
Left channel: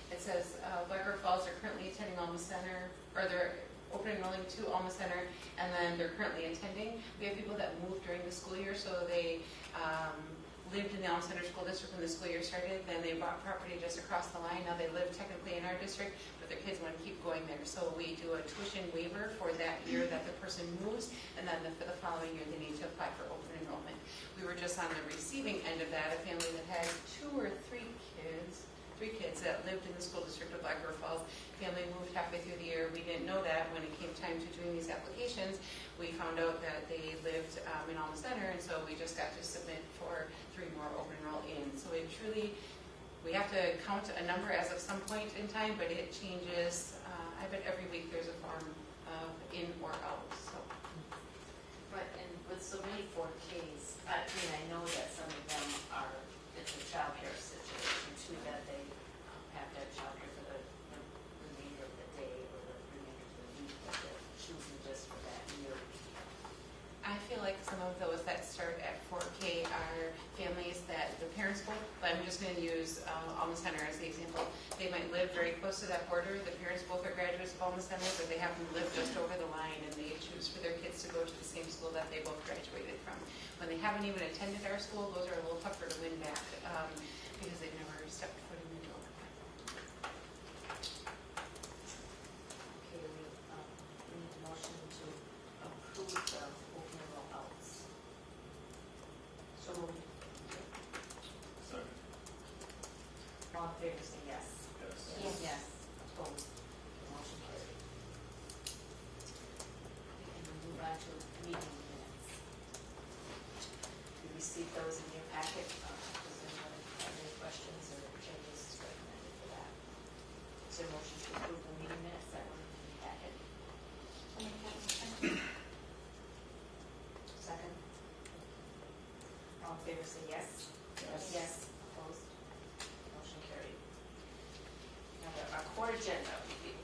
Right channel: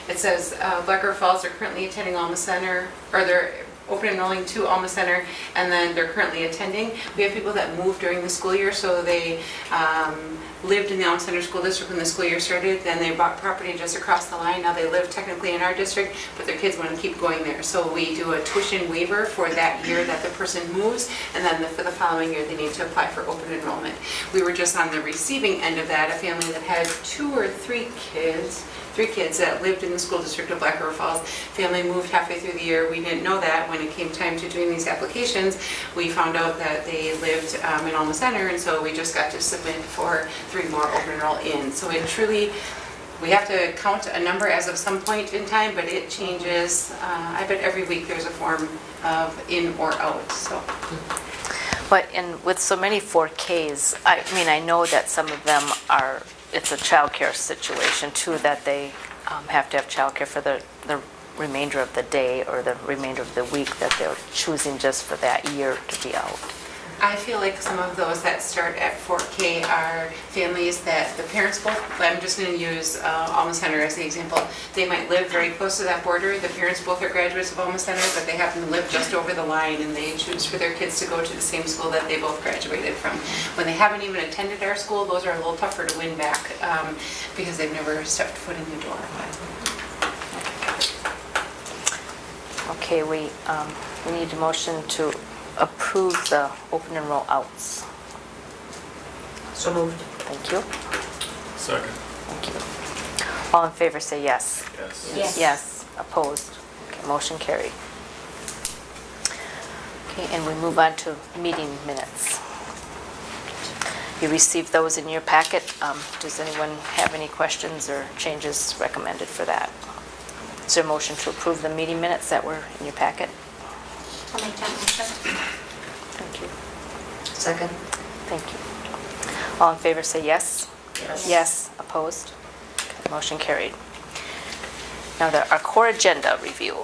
it says Black River Falls are currently attending Alma Center, or they're open enrolling to Alma Center, and then they're currently attending. We have people that moved during the school year, so they lived in the Alma Center School District when the school year started, then they bought property just across the line. Now they live technically in our district, but their kids want to keep going there. So we do a tuition waiver for that year that the person moves, and then for the following year they need to apply for open enrollment. We were just on the receiving end of that, a family that had 2 or 3 kids, 3 kids that lived in the school district of Black River Falls. Family moved halfway through the year. We didn't know that. When it came time to doing these applications, we found out that they lived in Alma Center, and so we just got to submit for 3 more open enroll in. So it truly, we have to count a number as of some point in time, but it changes. I bet every week there's a form of in or out, so. But with so many 4Ks, I mean, I know that some of them are, it's a childcare situation too, that they have to have childcare for the remainder of the day or the remainder of the week that they're choosing just for that year to be out. I feel like some of those that start at 4K are families that the parents both, I'm just going to use Alma Center as the example. They might live very close to that border. The parents both are graduates of Alma Center, but they happen to live just over the line, and they choose for their kids to go to the same school that they both graduated from. When they haven't even attended our school, those are a little tougher to win back because they've never stepped foot in the door. Okay, we need a motion to approve the open enroll outs. So moved. Thank you. Second. Thank you. All in favor say yes. Yes. Yes. Yes. Opposed? Okay, motion carried. Okay, and we move on to meeting minutes. You received those in your packet. Does anyone have any questions or changes recommended for that? Is there a motion to approve the meeting minutes that were in your packet? I'll make that motion. Thank you. Second? Thank you. All in favor say yes. Yes. Yes. Opposed? Okay, motion carried. Now, our core agenda review.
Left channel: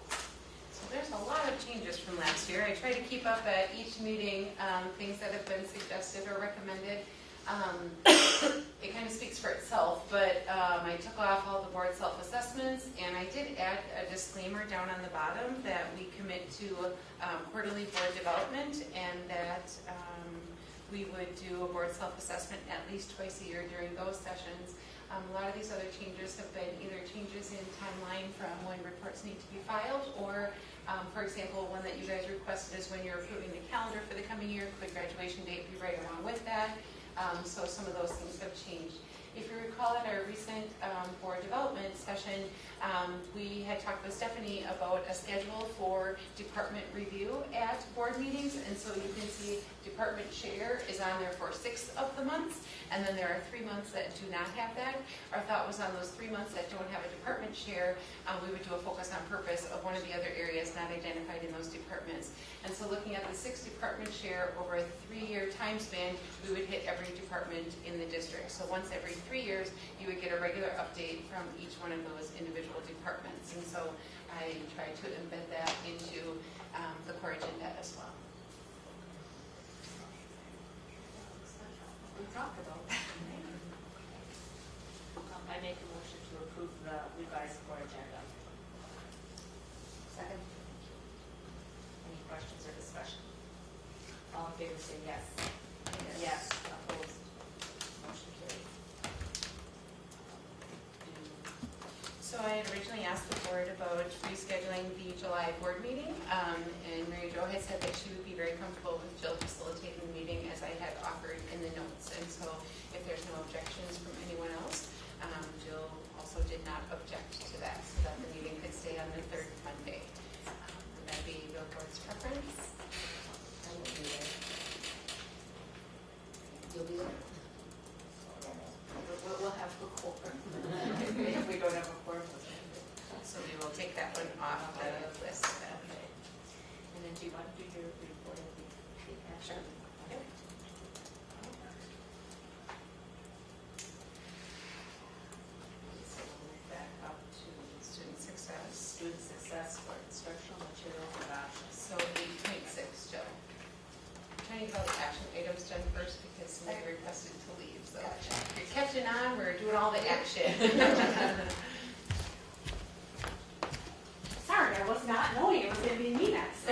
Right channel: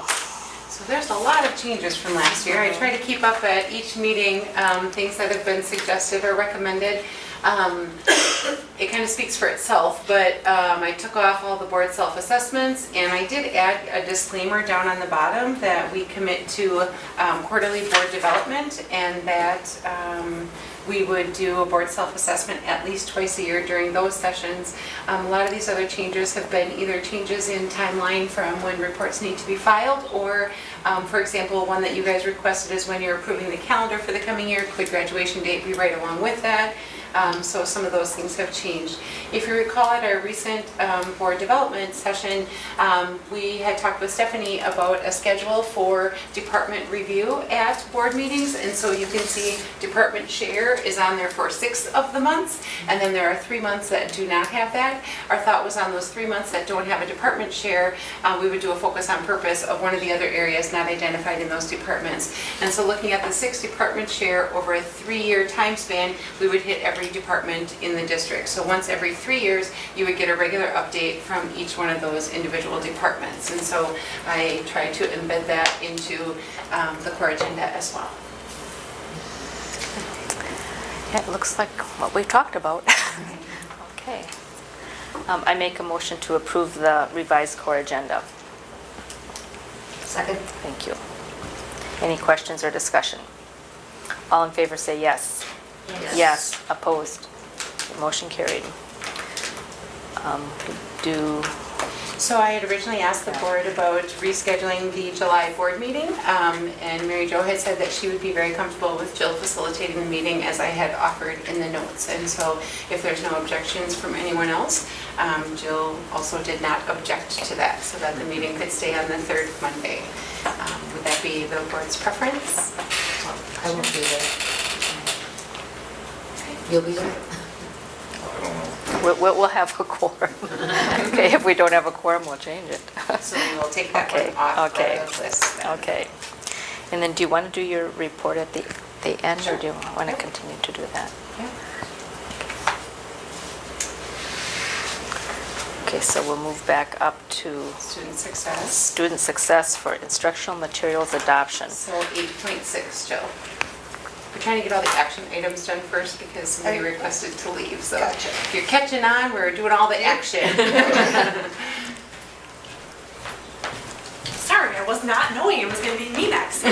So there's a lot of changes from last year. I try to keep up at each meeting things that have been suggested or recommended. It kind of speaks for itself, but I took off all the board self-assessments, and I did add a disclaimer down on the bottom that we commit to quarterly board development, and that we would do a board self-assessment at least twice a year during those sessions. A lot of these other changes have been either changes in timeline from when reports need to be filed, or for example, one that you guys requested is when you're approving the calendar for the coming year, could graduation date be right along with that? So some of those things have changed. If you recall at our recent board development session, we had talked with Stephanie about a schedule for department review at board meetings, and so you can see department share is on there for 6 of the months, and then there are 3 months that do not have that. Our thought was on those 3 months that don't have a department share, we would do a focus on purpose of one of the other areas not identified in those departments. And so looking at the 6 department share over a 3-year time span, we would hit every department in the district. So once every 3 years, you would get a regular update from each one of those individual departments. And so I tried to embed that into the core agenda as well. Yeah, it looks like what we've talked about. Okay. I make a motion to approve the revised core agenda. Second? Thank you. Any questions or discussion? All in favor say yes. Yes. Opposed? Motion carried. So I had originally asked the board about rescheduling the July board meeting, and Mary Jo had said that she would be very comfortable with Jill facilitating the meeting as I had offered in the notes. And so if there's no objections from anyone else, Jill also did not object to that, so that the meeting could stay on the 3rd Monday. Would that be the board's preference? I won't be there. You'll be there? We'll have a quorum. Okay, if we don't have a quorum, we'll change it. So we will take that Okay, one off okay. the list. Okay. And then do you want to do your report at the end, or do you want to continue to do that? Yeah. Okay, so we'll move back up to Student success. student success for instructional materials adoption. So 8.6, Jill. We're trying to get all the action items done first because somebody requested to leave. So Gotcha. if you're catching on, we're doing all the action. Sorry, I was not knowing it was going to be me next.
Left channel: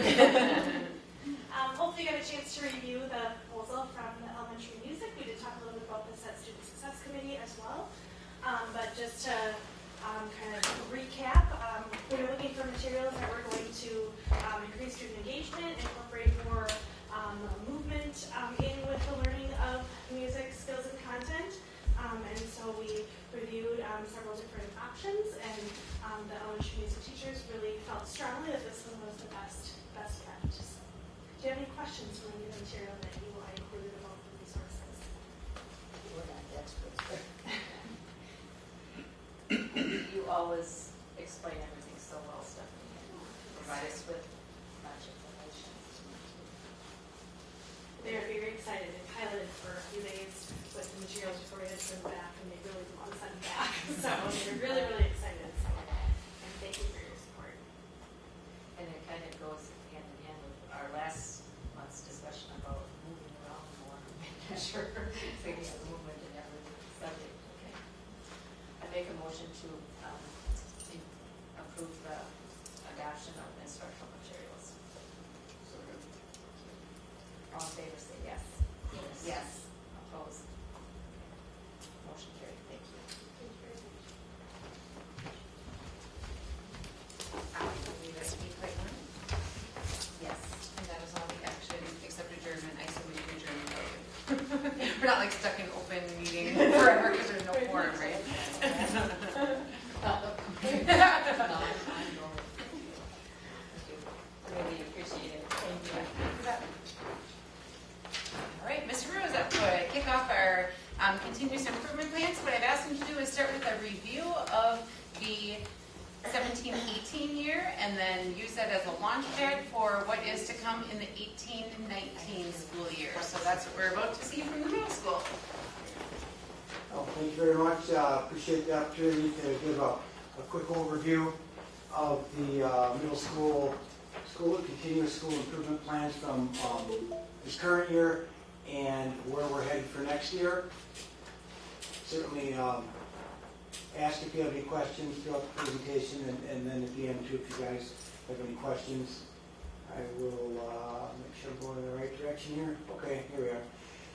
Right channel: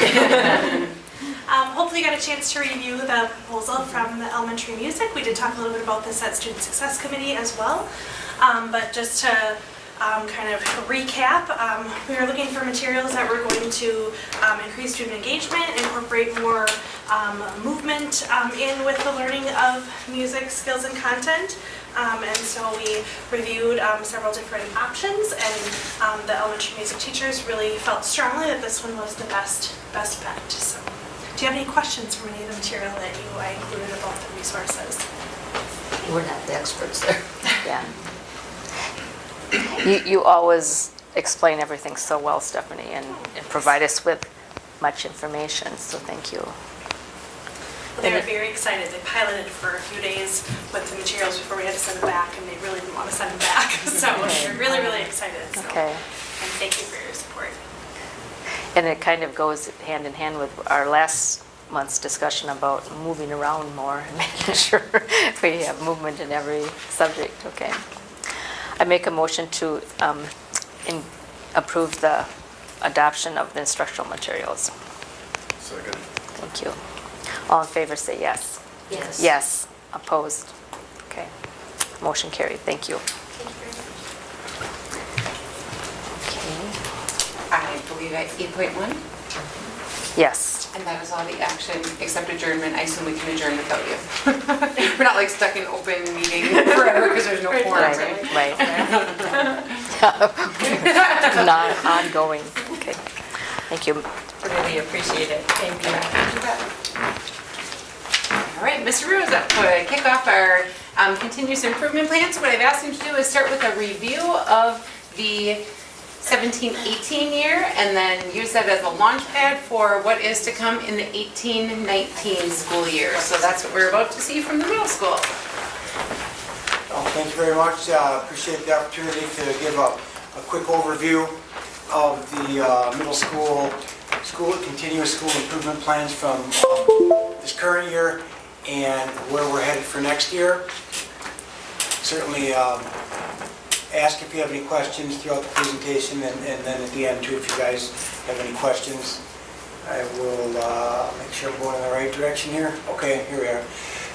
Hopefully you got a chance to review the proposal from the elementary music. We did talk a little bit about this at Student Success Committee as well. But just to kind of recap, we are looking for materials that we're going to increase student engagement, incorporate more movement in with the learning of music skills and content. And so we reviewed several different options, and the elementary music teachers really felt strongly that this one was the best bet. So, do you have any questions from any of the material that I included about the resources? We're not the experts there. Yeah. You always explain everything so well, Stephanie, and provide us with much information, so thank you. They were very excited. They piloted for a few days with the materials before we had to send them back, and they really didn't want to send them back. So they're really, really excited. So. Okay. And thank you for your support. And it kind of goes hand in hand with our last month's discussion about moving around more and making sure we have movement in every subject. Okay. I make a motion to approve the adoption of the instructional materials. Second. Thank you. All in favor say yes. Yes. Yes. Opposed? Okay. Motion carried. Thank you. Okay. I believe that's 8.1, Yes. and that is all the action except adjournment. I assume we can adjourn without you. We're not like stuck in open meeting forever because there's no quorum, right? Right. Not ongoing. Okay. Thank you. Really appreciate it. Thank you. All right, Mr. Ruiz, up to kick off our continuous improvement plans. What I've asked him to do is start with a review of the 17-18 year and then use that as a launch pad for what is to come in the 18-19 school year. So that's what we're about to see from the middle school. Thank you very much. Appreciate the opportunity to give a quick overview of the middle school continuous school improvement plans from this current year and where we're headed for next year. Certainly ask if you have any questions throughout the presentation, and then at the end too, if you guys have any questions. I will make sure I'm going in the right direction here. Okay, here we are.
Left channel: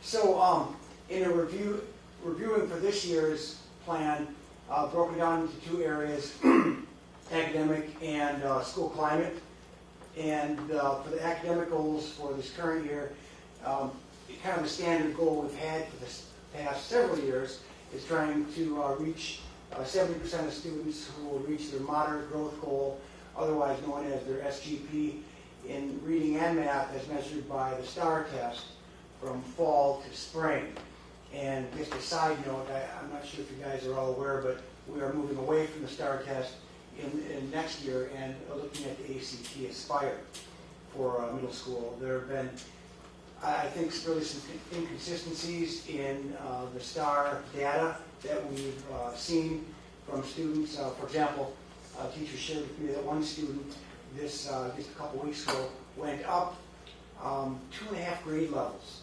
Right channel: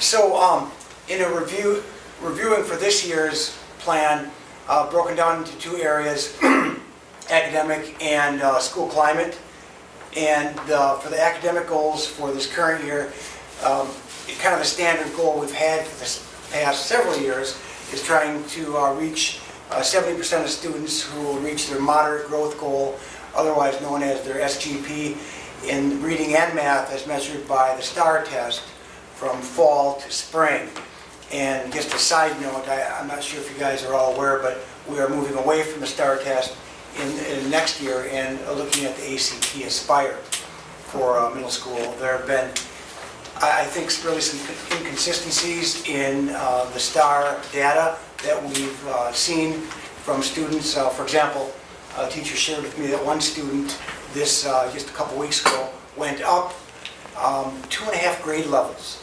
So in a reviewing for this year's plan, broken down into two areas, academic and school climate. And for the academic goals for this current year, kind of a standard goal we've had for the past several years is trying to reach 70% of students who will reach their moderate growth goal, otherwise known as their SGP, in reading and math as measured by the STAR test from fall to spring. And just a side note, I'm not sure if you guys are all aware, but we are moving away from the STAR test in next year and looking at the ACT Aspire for middle school. There have been, I think, really some inconsistencies in the STAR data that we've seen from students. For example, a teacher shared with me that one student just a couple weeks ago went up 2.5 grade levels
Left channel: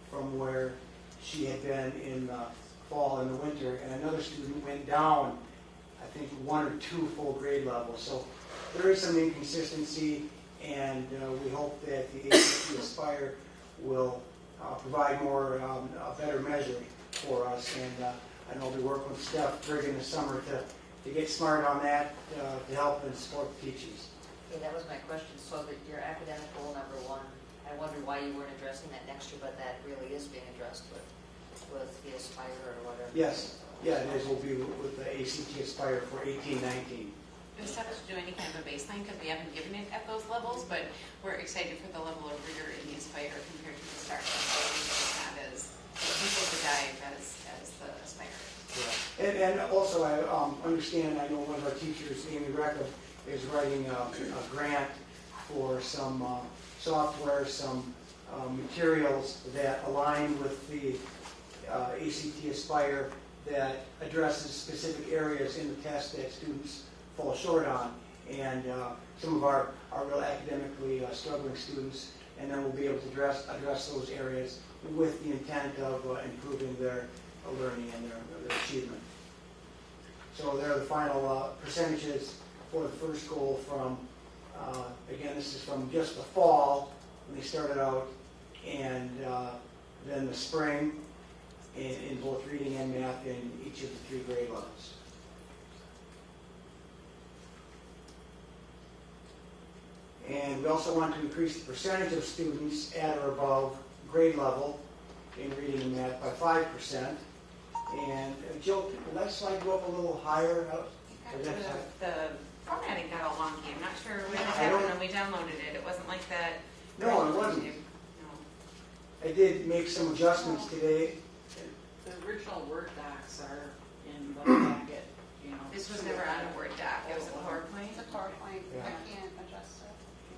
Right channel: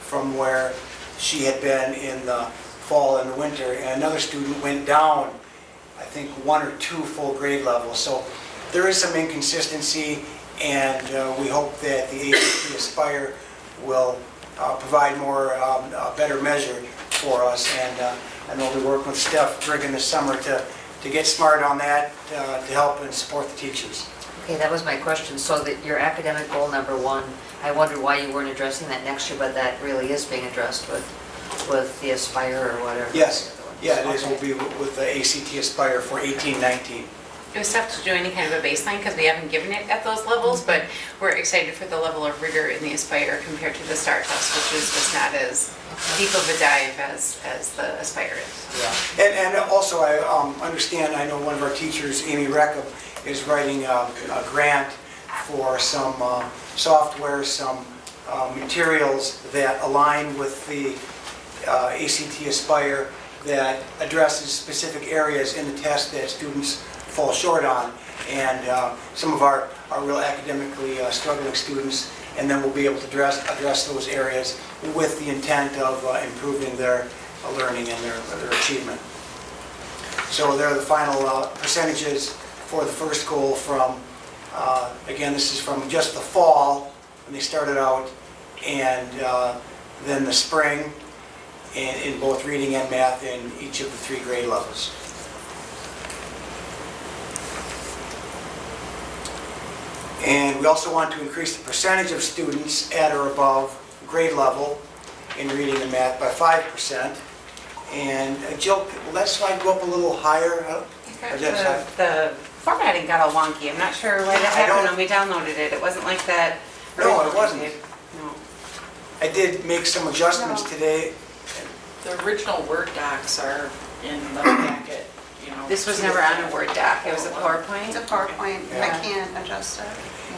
from where she had been in the fall and the winter, and another student went down, I think, 1 or 2 full grade levels. So there is some inconsistency, and we hope that the ACT Aspire will provide a better measure for us. And I know we work with Steph Brigham this summer to get smart on that, to help and support the teachers. Okay, that was my question. So that your academic goal number 1, I wondered why you weren't addressing that next year, but that really is being addressed with the Aspire or whatever. Yes, yeah, it is. Will be with the ACT Aspire for 18-19. It was tough to do any kind of a baseline because we haven't given it at those levels, but we're excited for the level of rigor in the Aspire compared to the STAR test, which is just not as deep of a dive as the Aspire is. Yeah. And also I understand, I know one of our teachers, Amy Reckham, is writing a grant for some software, some materials that align with the ACT Aspire that addresses specific areas in the test that students fall short on, and some of our real academically struggling students, and then we'll be able to address those areas with the intent of improving their learning and their achievement. So there are the final percentages for the first goal from, again, this is from just the fall when they started out, and then the spring in both reading and math in each of the 3 grade levels. And we also want to increase the percentage of students at or above grade level in reading and math by 5%. And Jill, will that slide go up a little higher? The formatting got all wonky. I'm not sure why that happened when we downloaded it. It wasn't like that. No, it wasn't. No. I did make some adjustments today. The original Word docs are in the packet, you know. This was never on a Word doc. It was a PowerPoint. It's a PowerPoint, I Yeah. can't adjust it.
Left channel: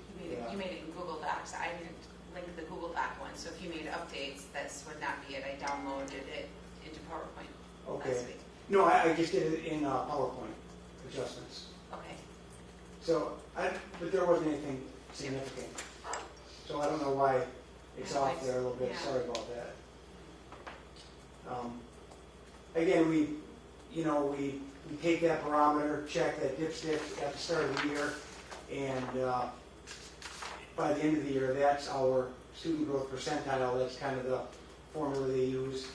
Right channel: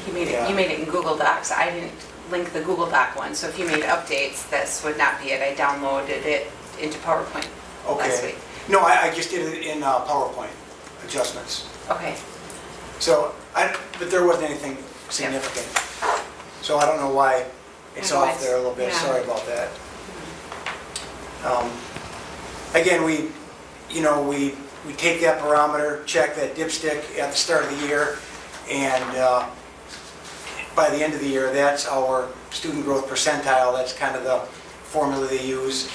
You made it. Yeah. You made it in Google Docs. I didn't link the Google Doc one. So if you made updates, this would not be it. I downloaded it into PowerPoint last Okay. week. No, I just did it in PowerPoint adjustments. Okay. So, but there wasn't anything significant. So I don't know why it's I know off there a little bit. yeah. Sorry about that. Again, we take that barometer, check that dipstick at the start of the year, and by the end of the year, that's our student growth percentile. That's kind of the formula they use,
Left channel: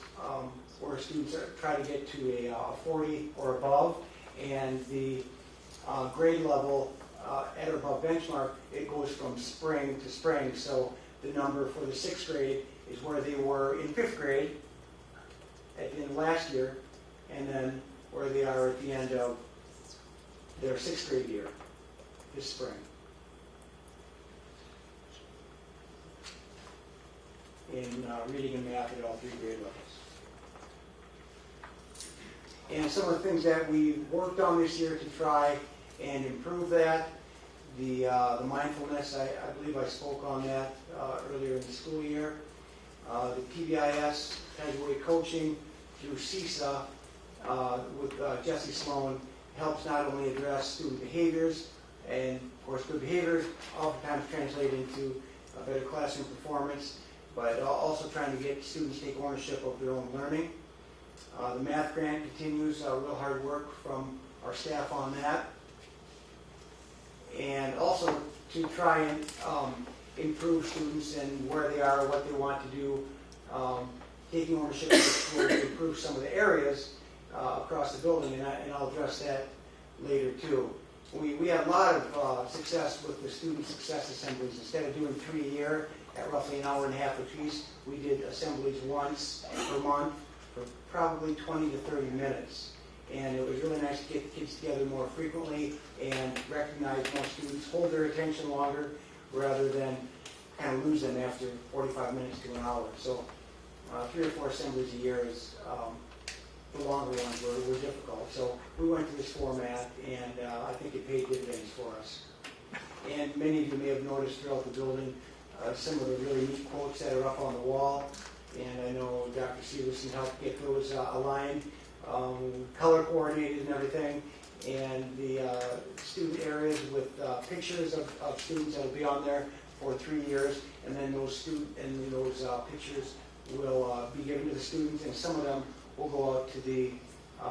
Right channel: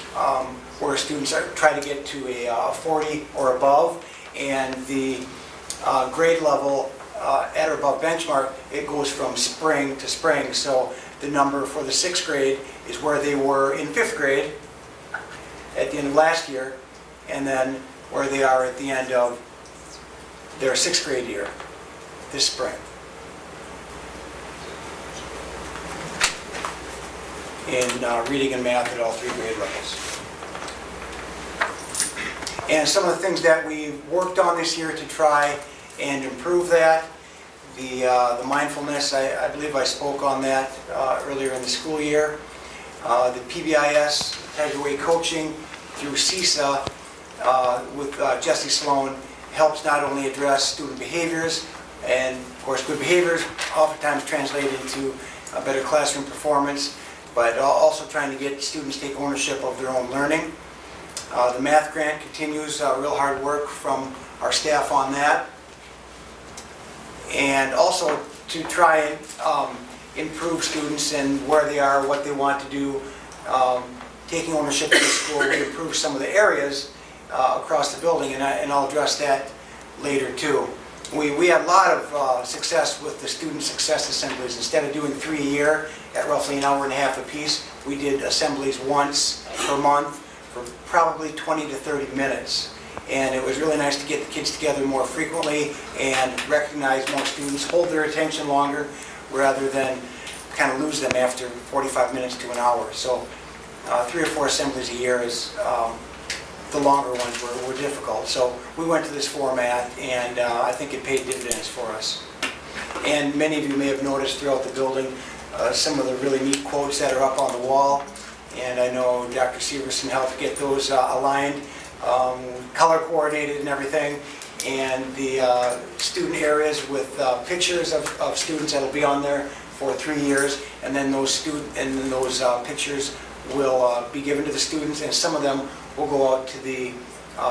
where students try to get to a 40 or above, and the grade level at or above benchmark, it goes from spring to spring. So the number for the 6th grade is where they were in 5th grade at the end of last year, and then where they are at the end of their 6th grade year this spring. In reading and math at all 3 grade levels. And some of the things that we worked on this year to try and improve that, the mindfulness, I believe I spoke on that earlier in the school year. The PBIS, Tiger Way coaching through CISA with Jesse Sloan helps not only address student behaviors, and of course good behaviors oftentimes translate into a better classroom performance, but also trying to get students to take ownership of their own learning. The math grant continues, real hard work from our staff on that. And also to try and improve students and where they are, what they want to do, taking ownership of the school. We improved some of the areas across the building, and I'll address that later too. We had a lot of success with the student success assemblies. Instead of doing 3 a year at roughly an hour and a half apiece, we did assemblies once per month for probably 20 to 30 minutes. And it was really nice to get the kids together more frequently and recognize more students, hold their attention longer rather than kind of lose them after 45 minutes to an hour. So 3 or 4 assemblies a year is, the longer ones were difficult. So we went to this format, and I think it paid dividends for us. And many of you may have noticed throughout the building some of the really neat quotes that are up on the wall. And I know Dr. Severson helped get those aligned, color coordinated and everything. And the student areas with pictures of students that will be on there for 3 years. And then those pictures will be given to the students, and some of them will go out to the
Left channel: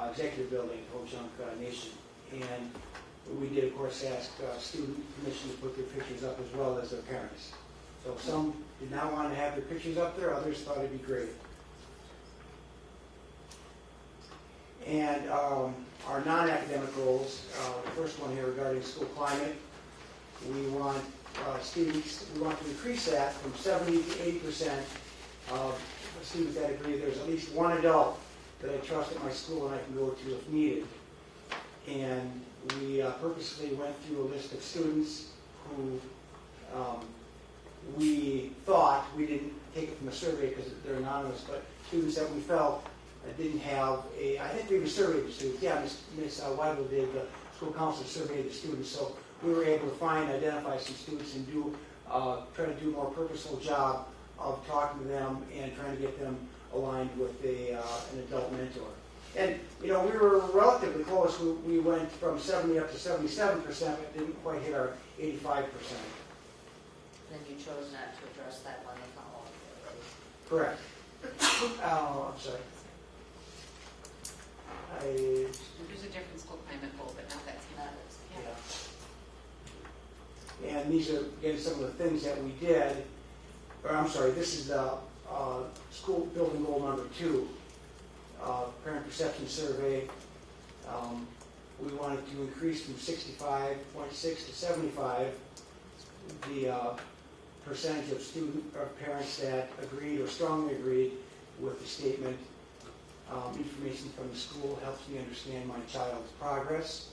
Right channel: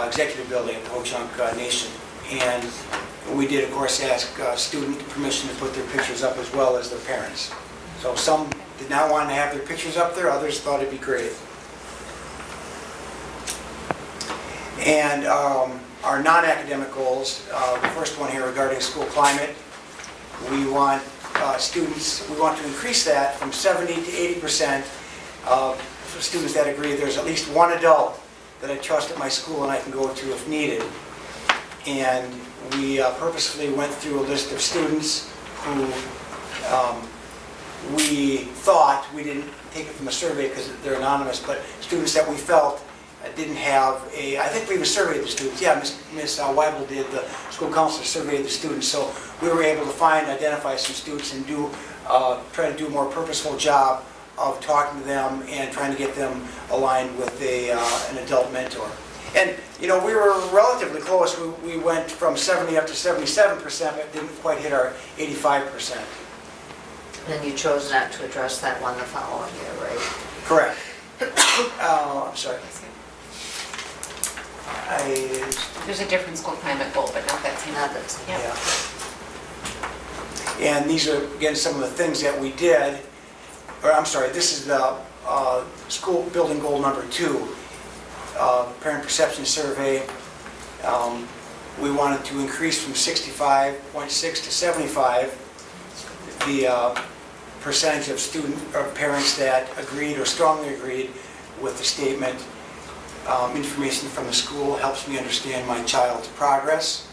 executive building at the Ho-Chunk Nation. And we did, of course, ask student permission to put their pictures up as well as their parents. So some did not want to have their pictures up there, others thought it'd be great. And our non-academic goals, the first one here regarding school climate, we want we want to increase that from 70 to 80% for students that agree there's at least one adult that I trust at my school and I can go to if needed. And we purposefully went through a list of students who we thought, we didn't take it from a survey because they're anonymous, but students that we felt didn't have I think we even surveyed the students. Yeah, Ms. Weibel did, the school counselor surveyed the students, so we were able to identify some students and try to do a more purposeful job of talking to them and trying to get them aligned with an adult mentor. And, you know, we were relatively close. We went from 70 up to 77%, but didn't quite hit our 85%. And you chose not to address that one the following year, right? Correct. I'm sorry. There's a different school climate goal, but not that same. Not that same. Yeah. And these are, again, some of the things that we did. Or I'm sorry, this is the school building goal number 2, parent perception survey. We wanted to increase from 65.6 to 75 the percentage of parents that agreed or strongly agreed with the statement. Information from the school helps me understand my child's progress,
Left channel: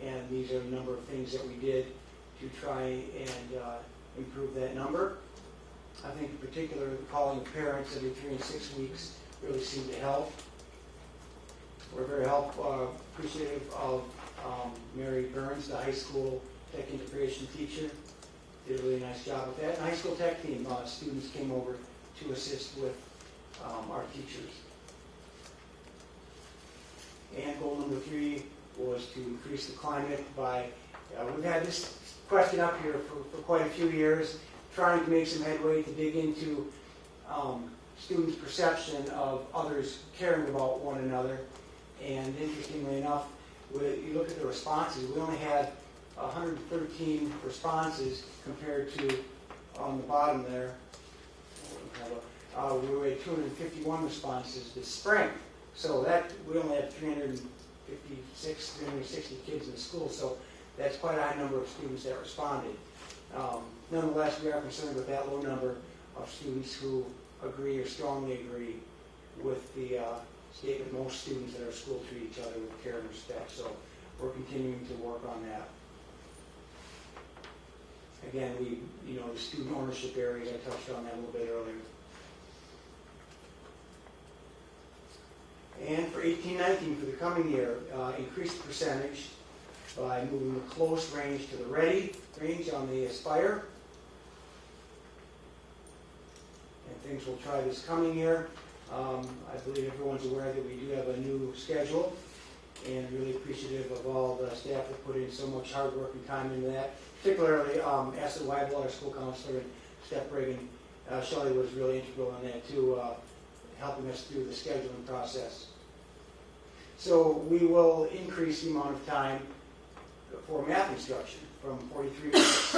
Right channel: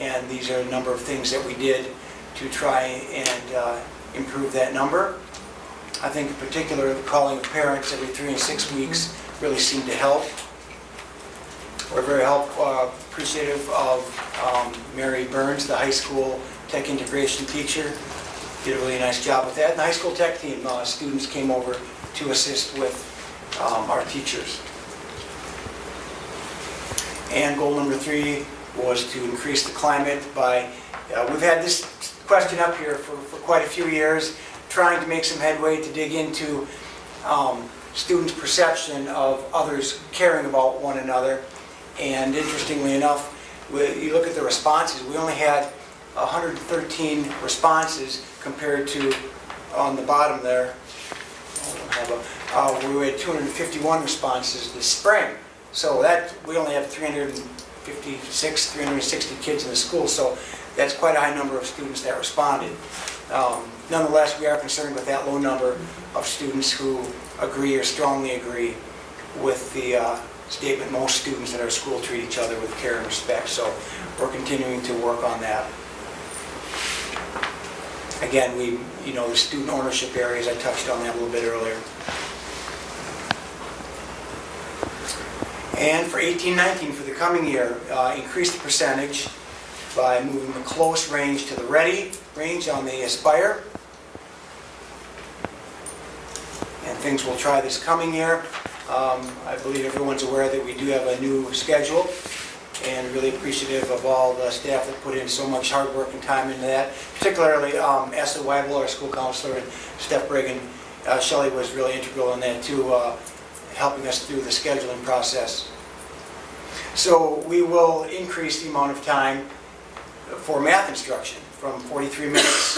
and these are a number of things that we did to try and improve that number. I think in particular, calling parents every 3 and 6 weeks really seemed to help. We're very appreciative of Mary Burns, the high school tech integration teacher. Did a really nice job with that. And the high school tech team, students came over to assist with our teachers. And goal number 3 was to increase the climate by, we've had this question up here for quite a few years, trying to make some headway to dig into students' perception of others caring about one another. And interestingly enough, you look at the responses, we only had 113 responses compared to, on the bottom there, we had 251 responses this spring. So that, we only have 360 kids in the school, so that's quite a high number of students that responded. Nonetheless, we are concerned with that low number of students who agree or strongly agree with the statement, most students at our school treat each other with care and respect. So we're continuing to work on that. Again, the student ownership areas, I touched on that a little bit earlier. And for 18-19, for the coming year, increase the percentage by moving the close range to the ready range on the Aspire. And things we'll try this coming year. I believe everyone's aware that we do have a new schedule, and really appreciative of all the staff that put in so much hard work and time into that, particularly Asa Weibel, our school counselor, and Steph Brigham Shelley was really integral in that too, helping us through the scheduling process. So we will increase the amount of time for math instruction from 43 minutes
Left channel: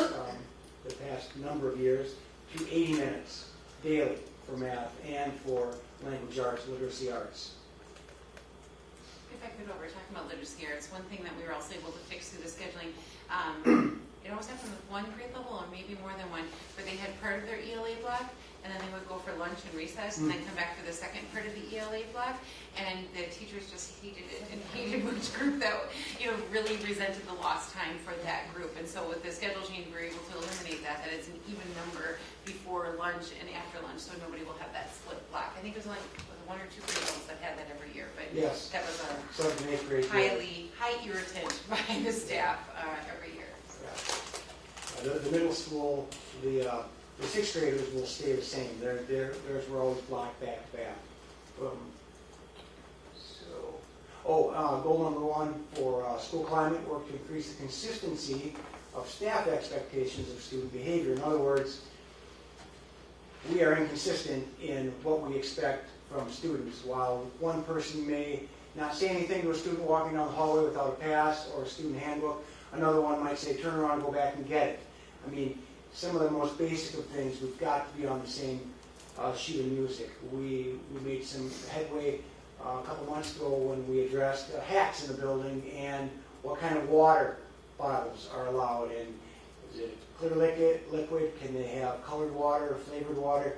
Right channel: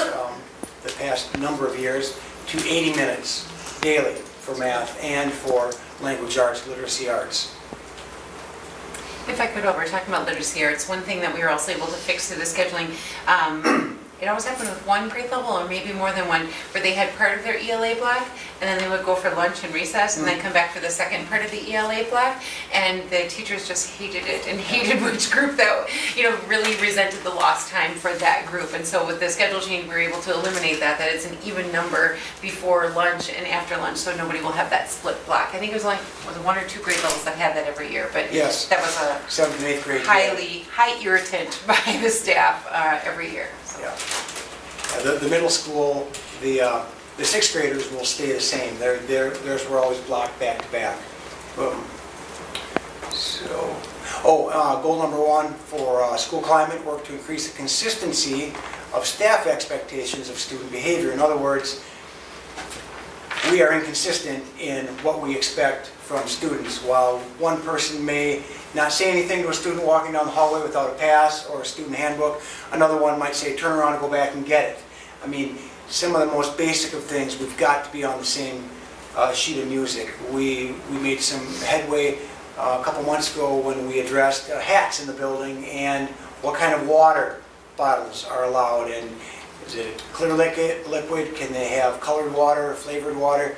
the past number of years to 80 minutes daily for math and for language arts, literacy arts. If I could, while we're talking about literacy arts, one thing that we were also able to fix through the scheduling, it always happened with one grade level or maybe more than one, where they had part of their ELA block and then they would go for lunch and recess and then come back for the second part of the ELA block. And the teachers just hated it and hated which group that, really resented the lost time for that group. And so with the schedule change, we were able to eliminate that it's an even number before lunch and after lunch, so nobody will have that split block. I think it was only one or two grade levels that had that every year, but yes, that was a 7th and 8th grade. high irritant by the staff every year. So. Yeah. The middle school, the 6th graders will stay the same. Theirs were always blocked back to back. So, goal number 1 for school climate, work to increase the consistency of staff expectations of student behavior. In other words, we are inconsistent in what we expect from students. While one person may not say anything to a student walking down the hallway without a pass or a student handbook, another one might say, turn around and go back and get it. I mean, some of the most basic of things, we've got to be on the same sheet of music. We made some headway a couple months ago when we addressed hats in the building and what kind of water bottles are allowed. And is it clear liquid? Can they have colored water or flavored water?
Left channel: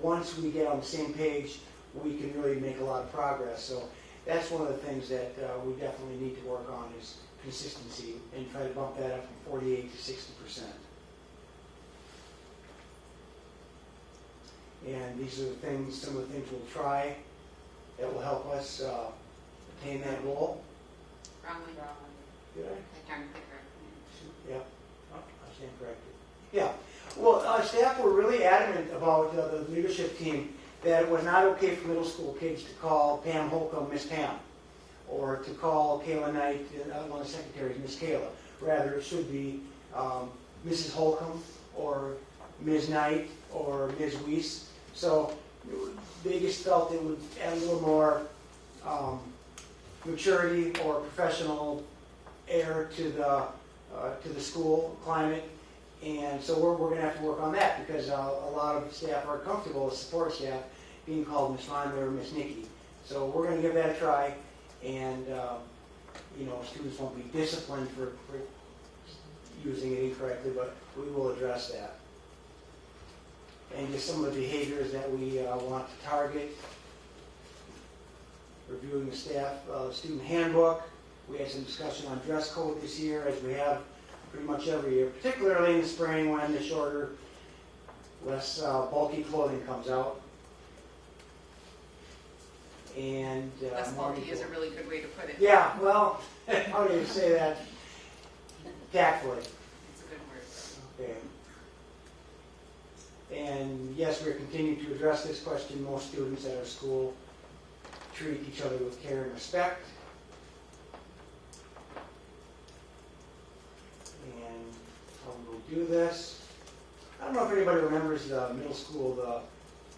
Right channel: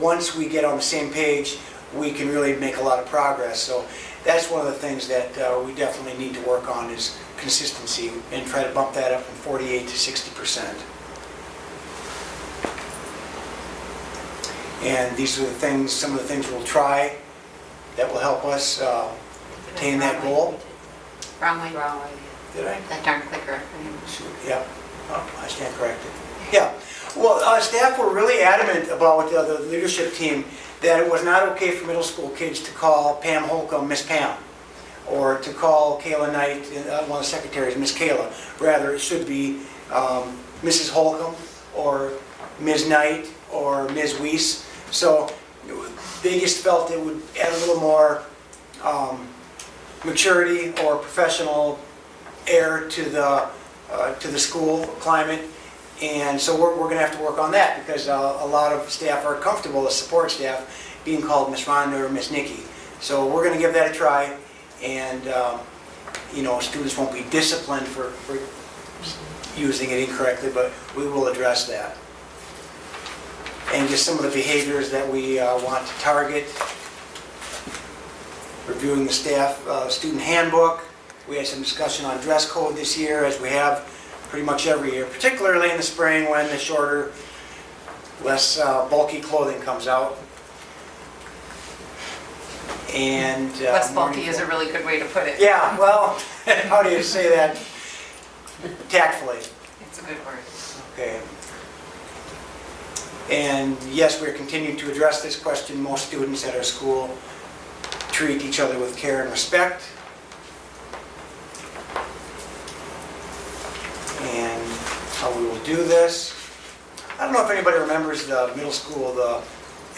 Once we get on the same page, we can really make a lot of progress. So that's one of the things that we definitely need to work on is consistency and try to bump that up from 48 to 60%. And these are the things, some of the things we'll try that will help us attain that goal. Wrong way. Did I? That darn clicker. Yeah, I stand corrected. Yeah, well, staff were really adamant about the leadership team that it was not okay for middle school kids to call Pam Holcomb Miss Pam, or to call Kayla Knight, one of the secretaries, Miss Kayla. Rather, it should be Mrs. Holcomb, or Ms. Knight, or Ms. Weiss. So they just felt it would add a little more maturity or professional air to the school climate. And so we're going to have to work on that because a lot of staff are comfortable, the support staff, being called Miss Rhonda or Miss Nikki. So we're going to give that a try, and students won't be disciplined for using it incorrectly, but we will address that. And just some of the behaviors that we want to target. Reviewing the staff student handbook. We had some discussion on dress code this year, as we have pretty much every year, particularly in the spring when the shorter, less bulky clothing comes out. And less bulky is a really good way to put it. Yeah, well, how do you say that tactfully? It's a good word. Okay. And yes, we're continuing to address this question. Most students at our school treat each other with care and respect. And how we will do this. I don't know if anybody remembers the middle school, the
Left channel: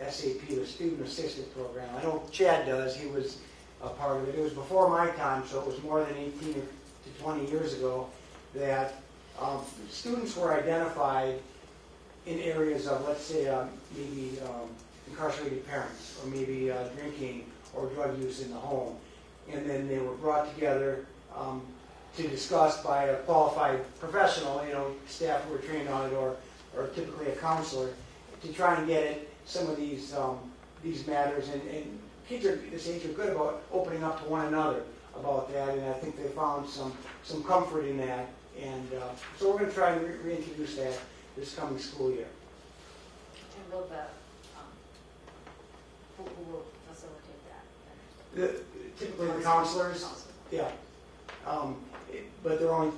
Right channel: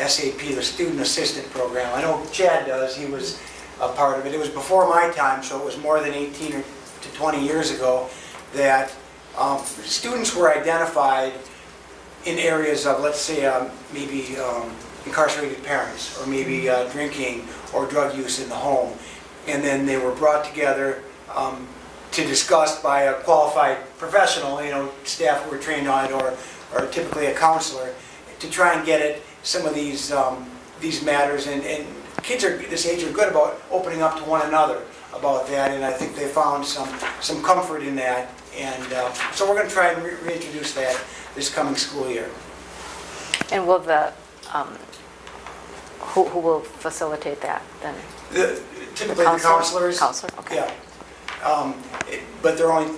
SAP, the Student Assistant Program. I know Chad does. He was a part of it. It was before my time, so it was more than 18 to 20 years ago that students were identified in areas of, let's say, maybe incarcerated parents, or maybe drinking or drug use in the home. And then they were brought together to discuss by a qualified professional, staff who were trained on it, or typically a counselor, to try and get at some of these matters. And kids this age are good about opening up to one another about that, and I think they found some comfort in that. And so we're going to try and reintroduce that this coming school year. And will who will facilitate that then? Typically the counselors. Counselor, okay. Yeah. But they're only,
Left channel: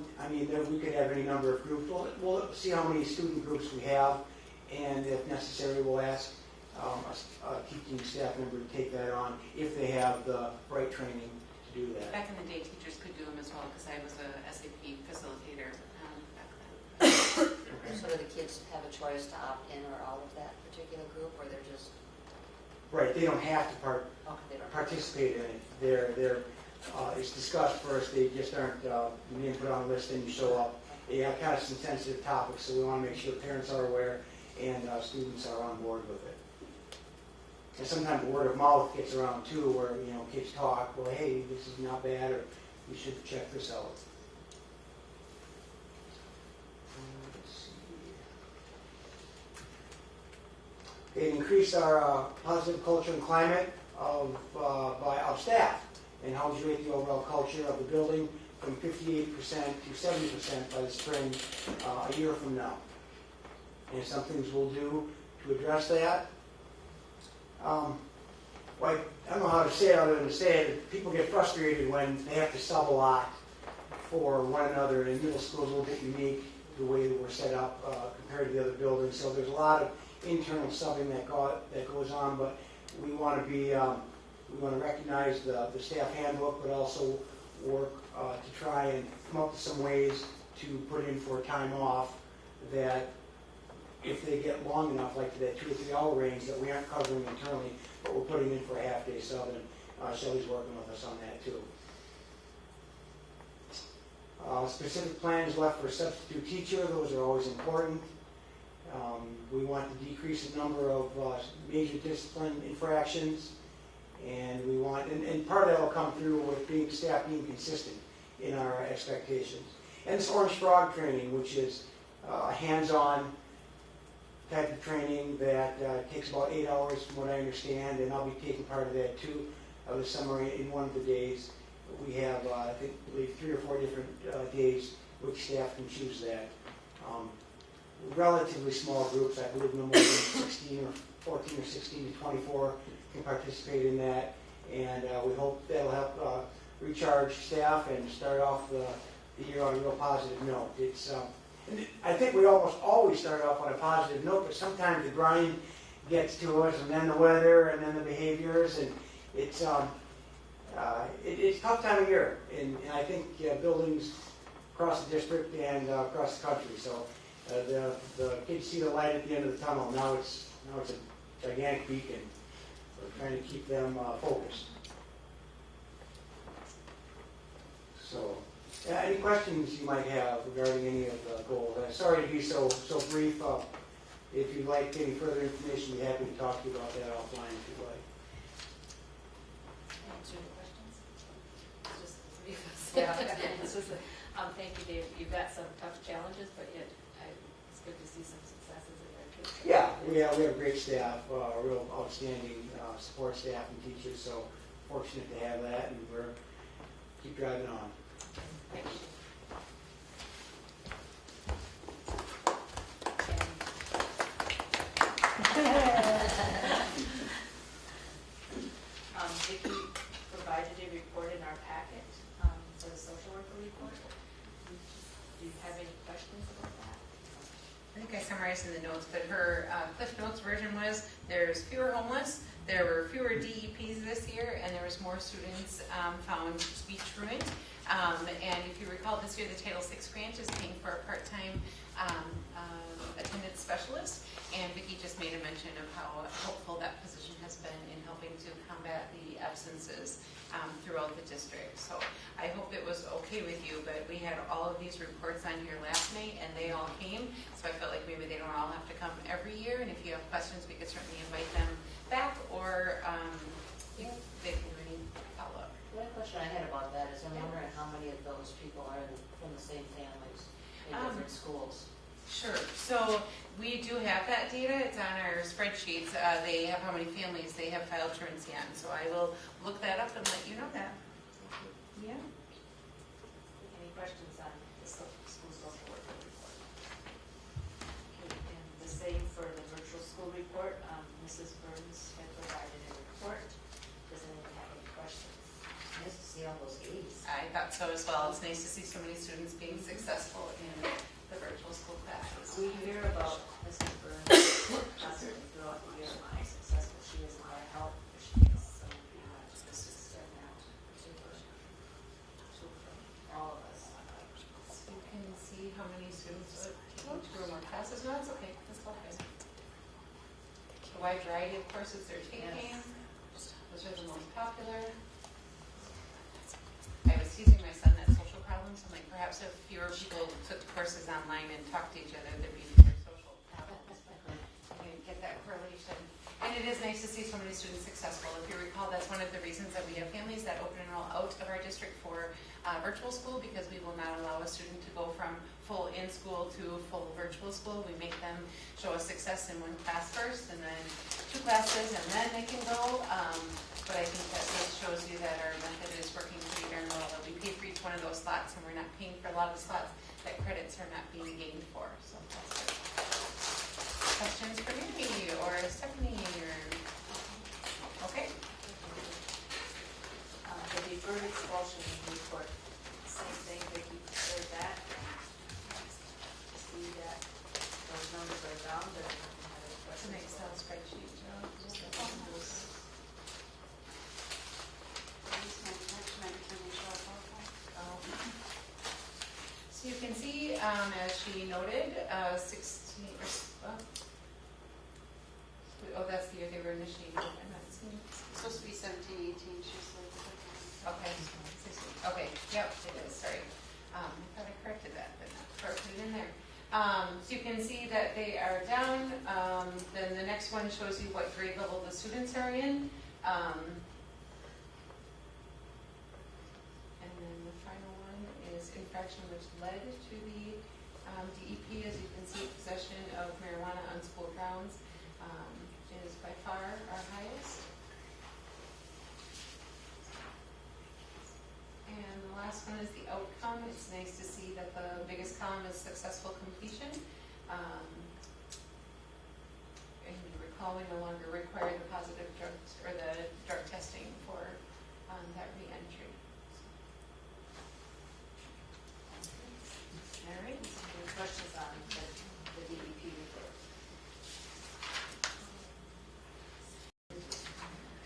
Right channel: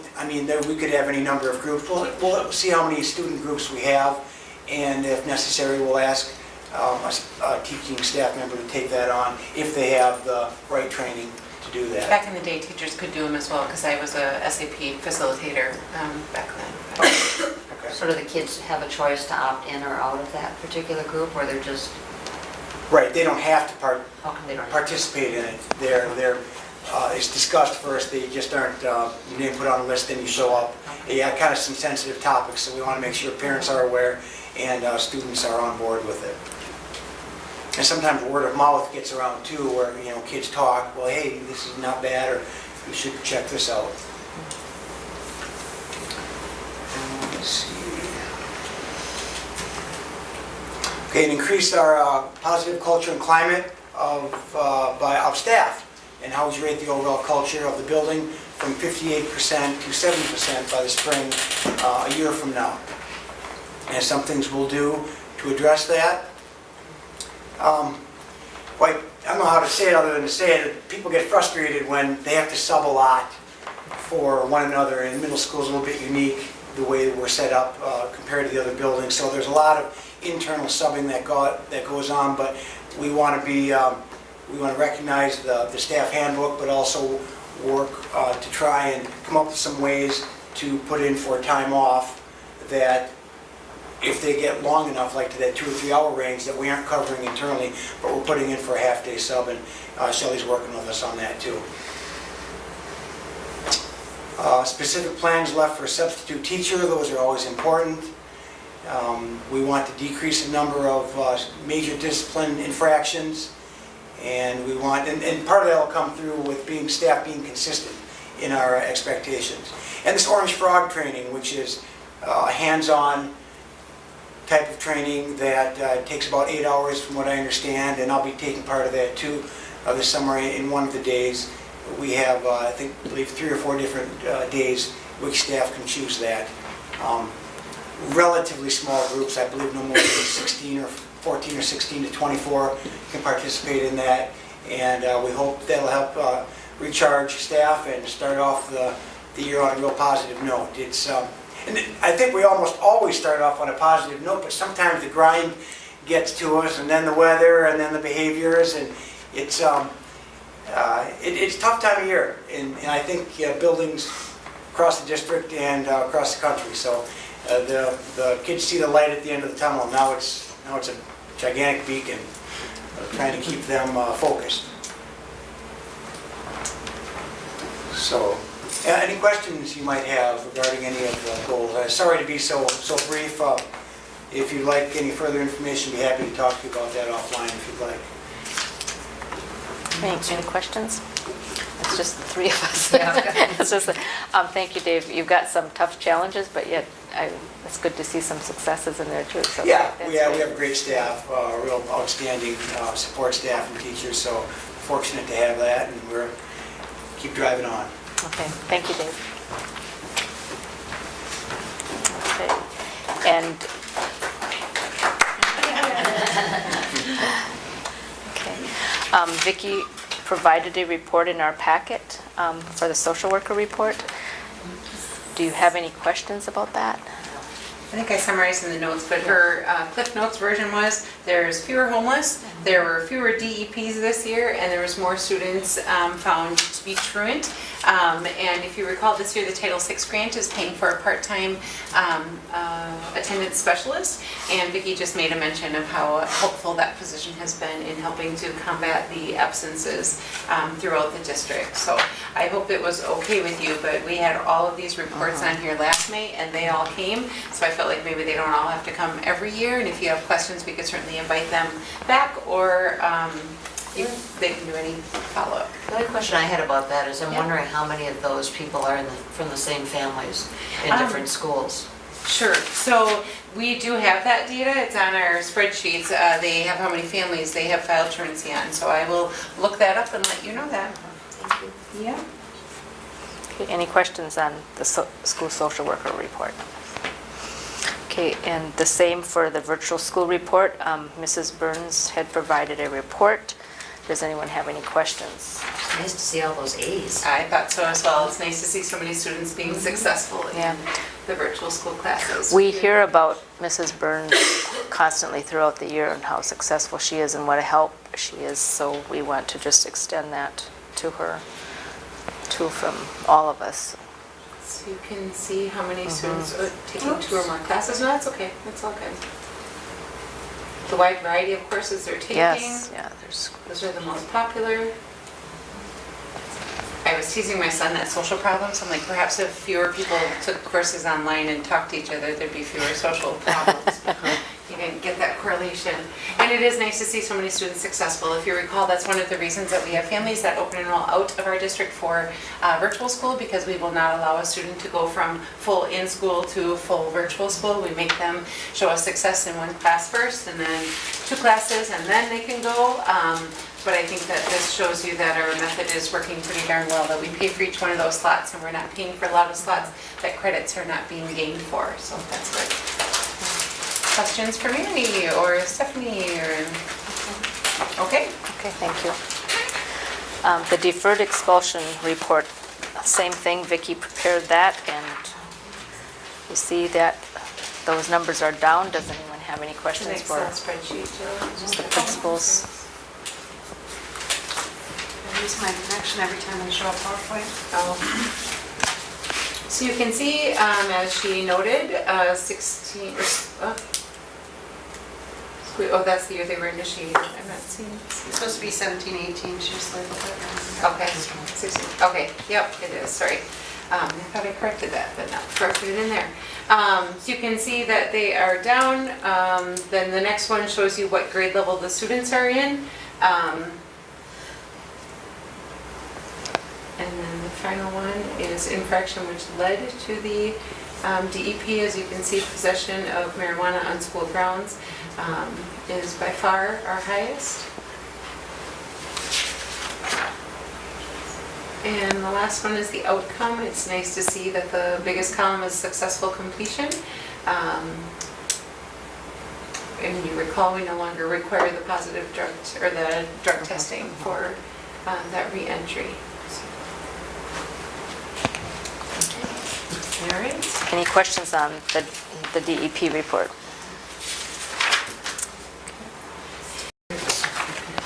we could have any number of groups. We'll see how many student groups we have, and if necessary, we'll ask a teaching staff member to take that on if they have the right training to do that. Back in the day, teachers could do them as well, because I was a SAP facilitator back then. Okay. So do the kids have a choice to opt in or out of that particular group, or they're just, Right, they don't have to how come they don't? participate in it. It's discussed first, they just aren't, your name put on a list, then you show up. Yeah, kind of some sensitive topics, so we want to make sure parents are aware and students are on board with it. And sometimes word of mouth gets around too, where, kids talk, well, hey, this is not bad, or you should check this out. Let's see. Okay, and increase our positive culture and climate of staff, and how we rate the overall culture of the building from 58% to 70% by the spring, a year from now. And some things we'll do to address that. I don't know how to say it other than to say it. People get frustrated when they have to sub a lot for one another, and middle school is a little bit unique the way we're set up compared to the other buildings. So there's a lot of internal subbing that goes on, but we want to recognize the staff handbook, but also work to try and come up with some ways to put in for time off that if they get long enough, like to that 2 or 3 hour range that we aren't covering internally, but we're putting in for a half-day sub, and Shelley's working with us on that too. Specific plans left for a substitute teacher, those are always important. We want to decrease the number of major discipline infractions, and we want, and part of that will come through with staff being consistent in our expectations. And this Orange Frog training, which is a hands-on type of training that takes about 8 hours from what I understand, and I'll be taking part of that too this summer in one of the days. We have, I believe 3 or 4 different days which staff can choose that. Relatively small groups, I believe no more than 16 or 14 or 16 to 24 can participate in that, and we hope that'll help recharge staff and start off the year on a real positive note. And I think we almost always start off on a positive note, but sometimes the grind gets to us, and then the weather, and then the behaviors, and it's a tough time of year, and I think buildings across the district and across the country. So the kids see the light at the end of the tunnel. Now it's a gigantic beacon, trying to keep them focused. So, any questions you might have regarding any of the goals? Sorry to be so brief. If you'd like any further information, I'd be happy to talk to you about that offline if you'd like. Any questions? It's just the 3 of us. Yeah. It's just, thank you, Dave. You've got some tough challenges, but yet it's good to see some successes in there too. So We have great staff, real outstanding support staff and teachers, so fortunate to have that, and we're keep driving on. Okay, thank you, Dave. Okay, and okay, Vicki provided a report in our packet for the social worker report. Do you have any questions about that? I think I summarized in the notes, but her Cliff Notes version was, there's fewer homeless, there were fewer DEPs this year, and there was more students found to be truant. And if you recall, this year the Title VI grant is paying for a part-time attendance specialist, and Vicki just made a mention of how helpful that position has been in helping to combat the absences throughout the district. So I hope it was okay with you, but we had all of these reports on here last May, and they all came, so I felt like maybe they don't all have to come every year, and if you have questions, we could certainly invite them back, or they can do any follow-up. The only question I had about that is I'm wondering how many of those people are from the same families in different schools. Sure. So we do have that data. It's on our spreadsheets. They have how many families they have filed truancy on. So I will look that up and let you know that. Thank you. Yeah. Okay, any questions on the school social worker report? Okay, and the same for the virtual school report. Mrs. Burns had provided a report. Does anyone have any questions? It's nice to see all those A's. I thought so as well. It's nice to see so many students being successful in the virtual school classes. We hear about Mrs. Burns constantly throughout the year and how successful she is and what a help she is, so we want to just extend that to her, too, from all of us. So you can see how many students are taking 2 or more classes. No, that's okay, that's all good. The wide variety of courses they're taking. Yes, yeah, there's, Those are the most popular. I was teasing my son that social problems. I'm like, perhaps if fewer people took courses online and talked to each other, there'd be fewer social problems. You didn't get that correlation. And it is nice to see so many students successful. If you recall, that's one of the reasons that we have families that open enroll out of our district for virtual school, because we will not allow a student to go from full in-school to full virtual school. We make them show us success in one class first, and then 2 classes, and then they can go. But I think that this shows you that our method is working pretty darn well, that we pay for each one of those slots, and we're not paying for a lot of slots that credits are not being gained for, so that's good. Questions for Mary or Stephanie or, okay? okay, thank you. The deferred expulsion report, same thing, Vicki prepared that, and you see that those numbers are down. Does anyone have any questions for spreadsheet. just the principals? I lose my connection every time I show a PowerPoint. Oh. So you can see, as she noted, 16, oh, that's the year they were initiated. I'm not seeing. It's supposed to be 17, 18, she just labeled it. Okay, 16, okay, yep, it is, sorry. I thought I corrected that, but not corrected it in there. So you can see that they are down. Then the next one shows you what grade level the students are in. And then the final one is infraction, which led to the DEP. As you can see, possession of marijuana on school grounds is by far our highest. And the last one is the outcome. It's nice to see that the biggest column is successful completion. And you recall, we no longer require the positive drug or the drug testing for that re-entry. All right. Any questions on the DEP report?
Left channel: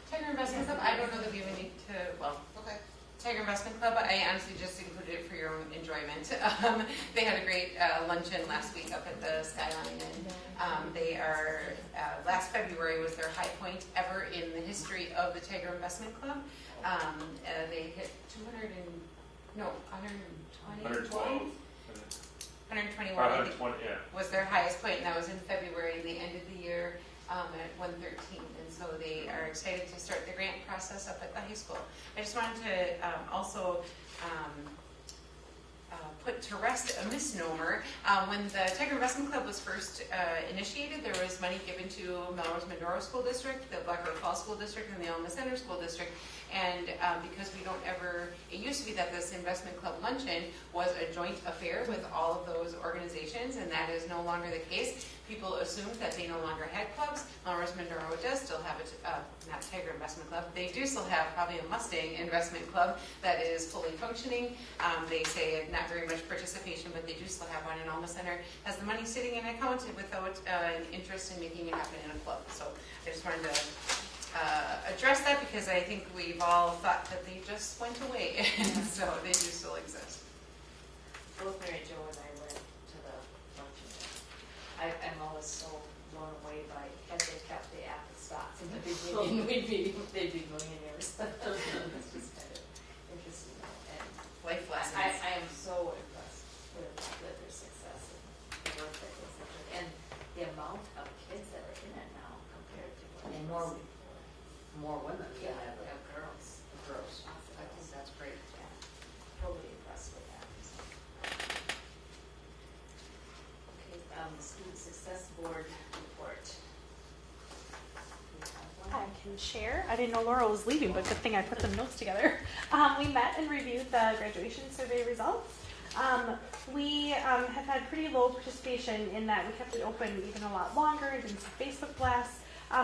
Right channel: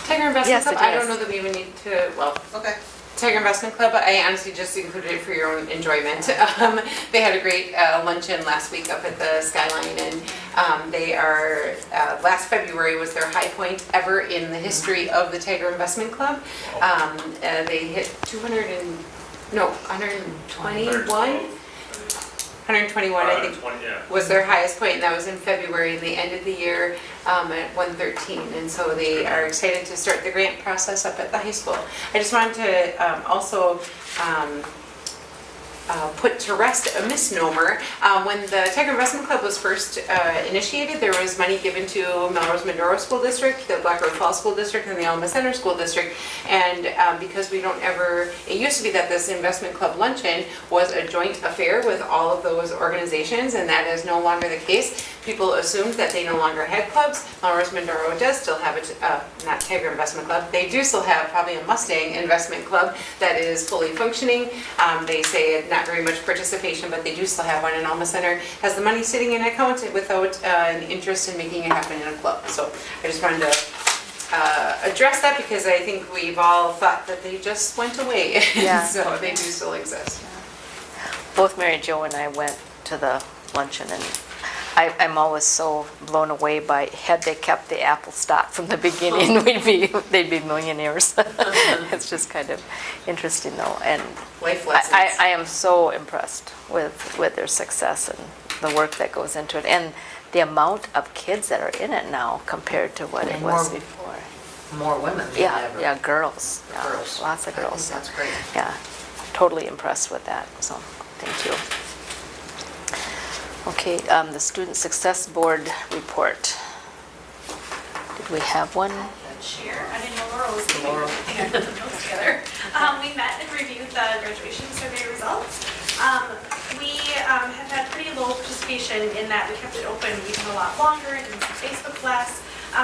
Tiger Investment Yes, Club, it I don't is. know that we would need to, well, Okay. Tiger Investment Club, I honestly just included it for your own enjoyment. They had a great luncheon last week up at the Skyline, and they are, last February was their high point ever in the history of the Tiger Investment Club. They hit 121, I think, was their highest point, and that was in February, and they ended the year at 113, and so they are excited to start the grant process up at the high school. I just wanted to also put to rest a misnomer. When the Tiger Investment Club was first initiated, there was money given to Melrose-Mindoro School District, the Black River Falls School District, and the Alma Center School District. And because we don't ever, it used to be that this investment club luncheon was a joint affair with all of those organizations, and that is no longer the case. People assumed that they no longer had clubs. Melrose-Mindoro does still have a, not Tiger Investment Club, they do still have probably a Mustang Investment Club that is fully functioning. They say not very much participation, but they do still have one, and Alma Center has the money sitting in an account without an interest in making it happen in a club. So I just wanted to address that, because I think we've all thought that they just went away. Yeah. So they do still exist. Both Mary Jo and I went to the luncheon, and I'm always so blown away by, had they kept the Apple stock from the beginning, they'd be millionaires. It's just kind of interesting though, and Life lessons. I am so impressed with their success and the work that goes into it, and the amount of kids that are in it now compared to what it was before. More women than Yeah, ever. yeah, girls. Yeah, Girls. lots of I think girls. that's great. Yeah, totally impressed with that, so thank you. Okay, the Student Success Board report. Did we have one? Share. I didn't know Laura was leaving. I put the notes together. We met and reviewed the graduation survey results. We have had pretty low participation in that we kept it open even a lot longer, didn't see Facebook less.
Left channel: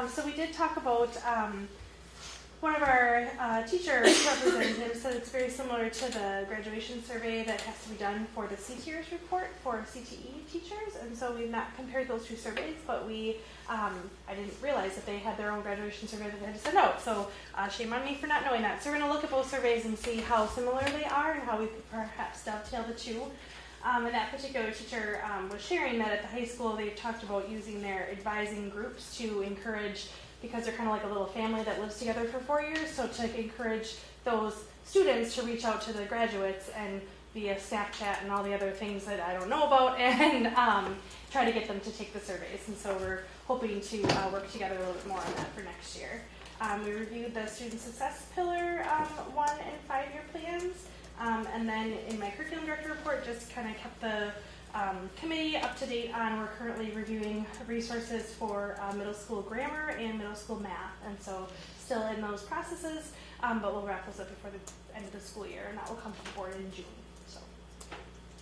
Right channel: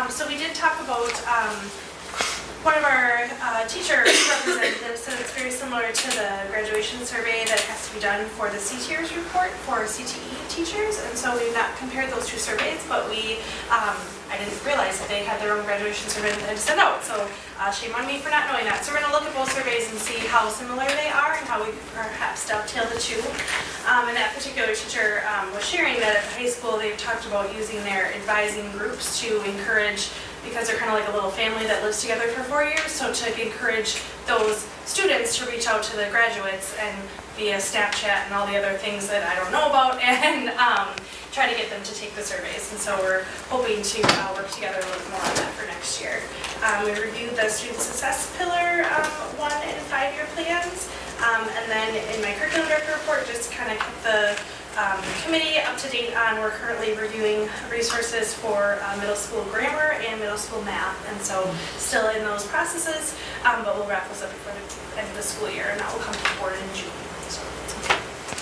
So we did talk about one of our teacher representatives said it's very similar to the graduation survey that has to be done done for the CTERS report for CTE teachers, and so we've not compared those two surveys, but I didn't realize that they had their own graduation survey that they had to send out, so shame on me for not knowing that. So we're going to look at both surveys and see how similar they are and how we could perhaps dovetail the two. And that particular teacher was sharing that at the high school they've talked about using their advising groups to encourage, because they're kind of like a little family that lives together for 4 years, so to encourage those students to reach out to the graduates and via Snapchat and all the other things that I don't know about, and try to get them to take the surveys. And so we're hoping to work together a little more on that for next year. We reviewed the student success pillar 1 and 5-year plans, and then in my curriculum director report, just kind of kept the committee up to date on, we're currently reviewing resources for middle school grammar and middle school math, and so still in those processes, but we'll wrap those up before the end of the school year, and that will come to the board in June. So.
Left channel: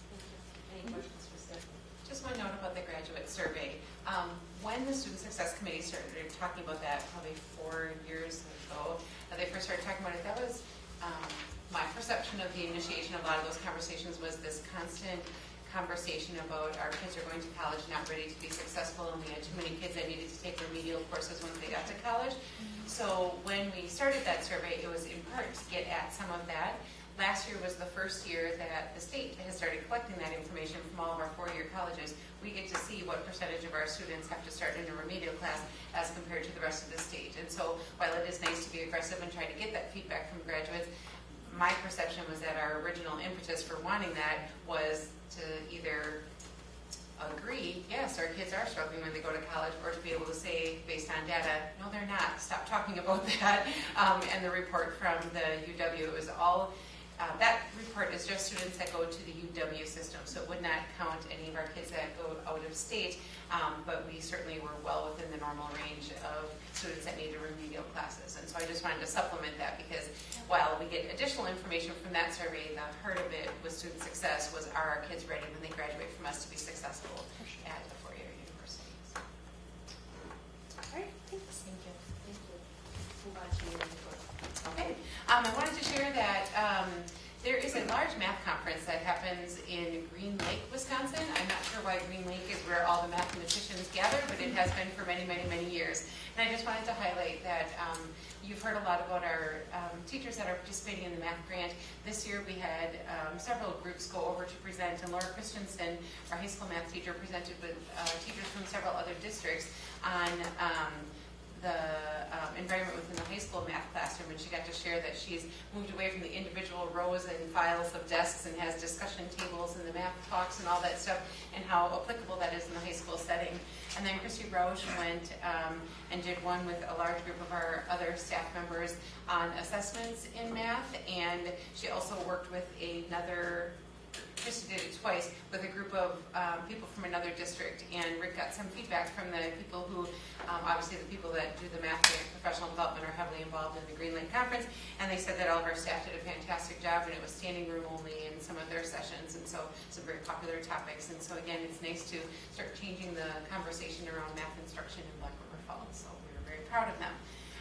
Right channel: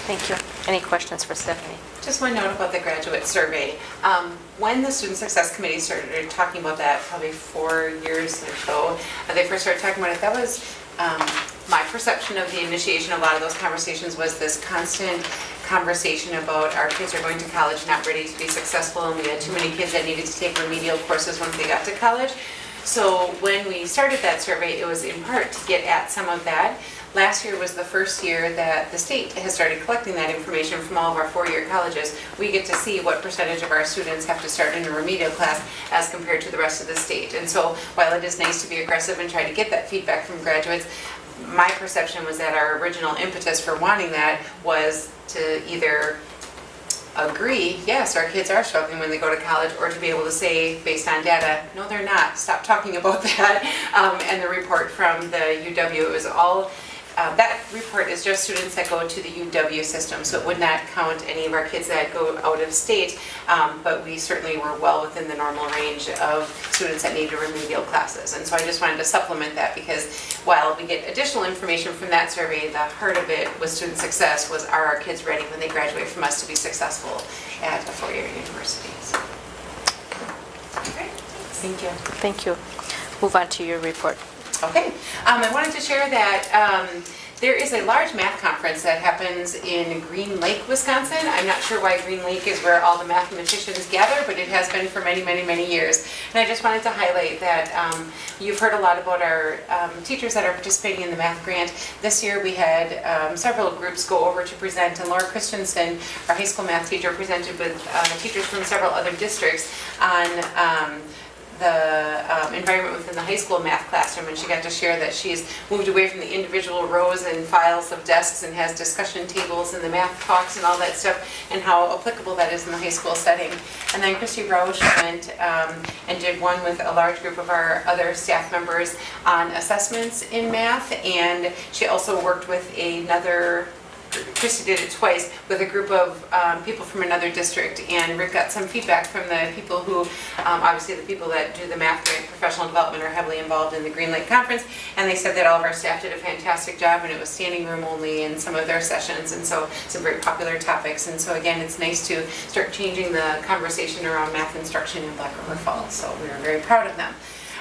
Thank you. Any questions for Stephanie? Just one note about the graduate survey. When the Student Success Committee started talking about that, probably 4 years or so, they first started talking about it, that was my perception of the initiation of a lot of those conversations was this constant conversation about our kids are going to college not ready to be successful, and we had too many kids that needed to take remedial courses once they got to college. So when we started that survey, it was in part to get at some of that. Last year was the first year that the state has started collecting that information from all of our 4-year colleges. We get to see what percentage of our students have to start in a remedial class as compared to the rest of the state. And so while it is nice to be aggressive and try to get that feedback from graduates, my perception was that our original impetus for wanting that was to either agree, yes, our kids are struggling when they go to college, or to be able to say, based on data, no, they're not. Stop talking about that. And the report from the UW, it was all, that report is just students that go to the UW system, so it would not count any of our kids that go out of state, but we certainly were well within the normal range of students that needed remedial classes. And so I just wanted to supplement that, because while we get additional information from that survey, the heart of it with student success was, are our kids ready when they graduate from us to be successful at a 4-year university? So. Okay, thank you. Thank you. Move on to your report. Okay, I wanted to share that there is a large math conference that happens in Green Lake, Wisconsin. I'm not sure why Green Lake is where all the mathematicians gather, but it has been for many, many, many years. And I just wanted to highlight that you've heard a lot about our teachers that are participating in the math grant. This year we had several groups go over to present, and Laura Christensen, our high school math teacher, presented with teachers from several other districts on the environment within the high school math classroom, and she got to share that she's moved away from the individual rows and files of desks and has discussion tables and the math talks and all that stuff, and how applicable that is in the high school setting. And then Christy Roush went and did one with a large group of our other staff members on assessments in math, and she also worked with another, Christy did it twice, with a group of people from another district, and Rick got some feedback from the people who, obviously the people that do the math grant professional development are heavily involved in the Green Lake Conference, and they said that all of our staff did a fantastic job, and it was standing room only in some of their sessions, and so some very popular topics. And so again, it's nice to start changing the conversation around math instruction in Black River Falls, so we are very proud of them.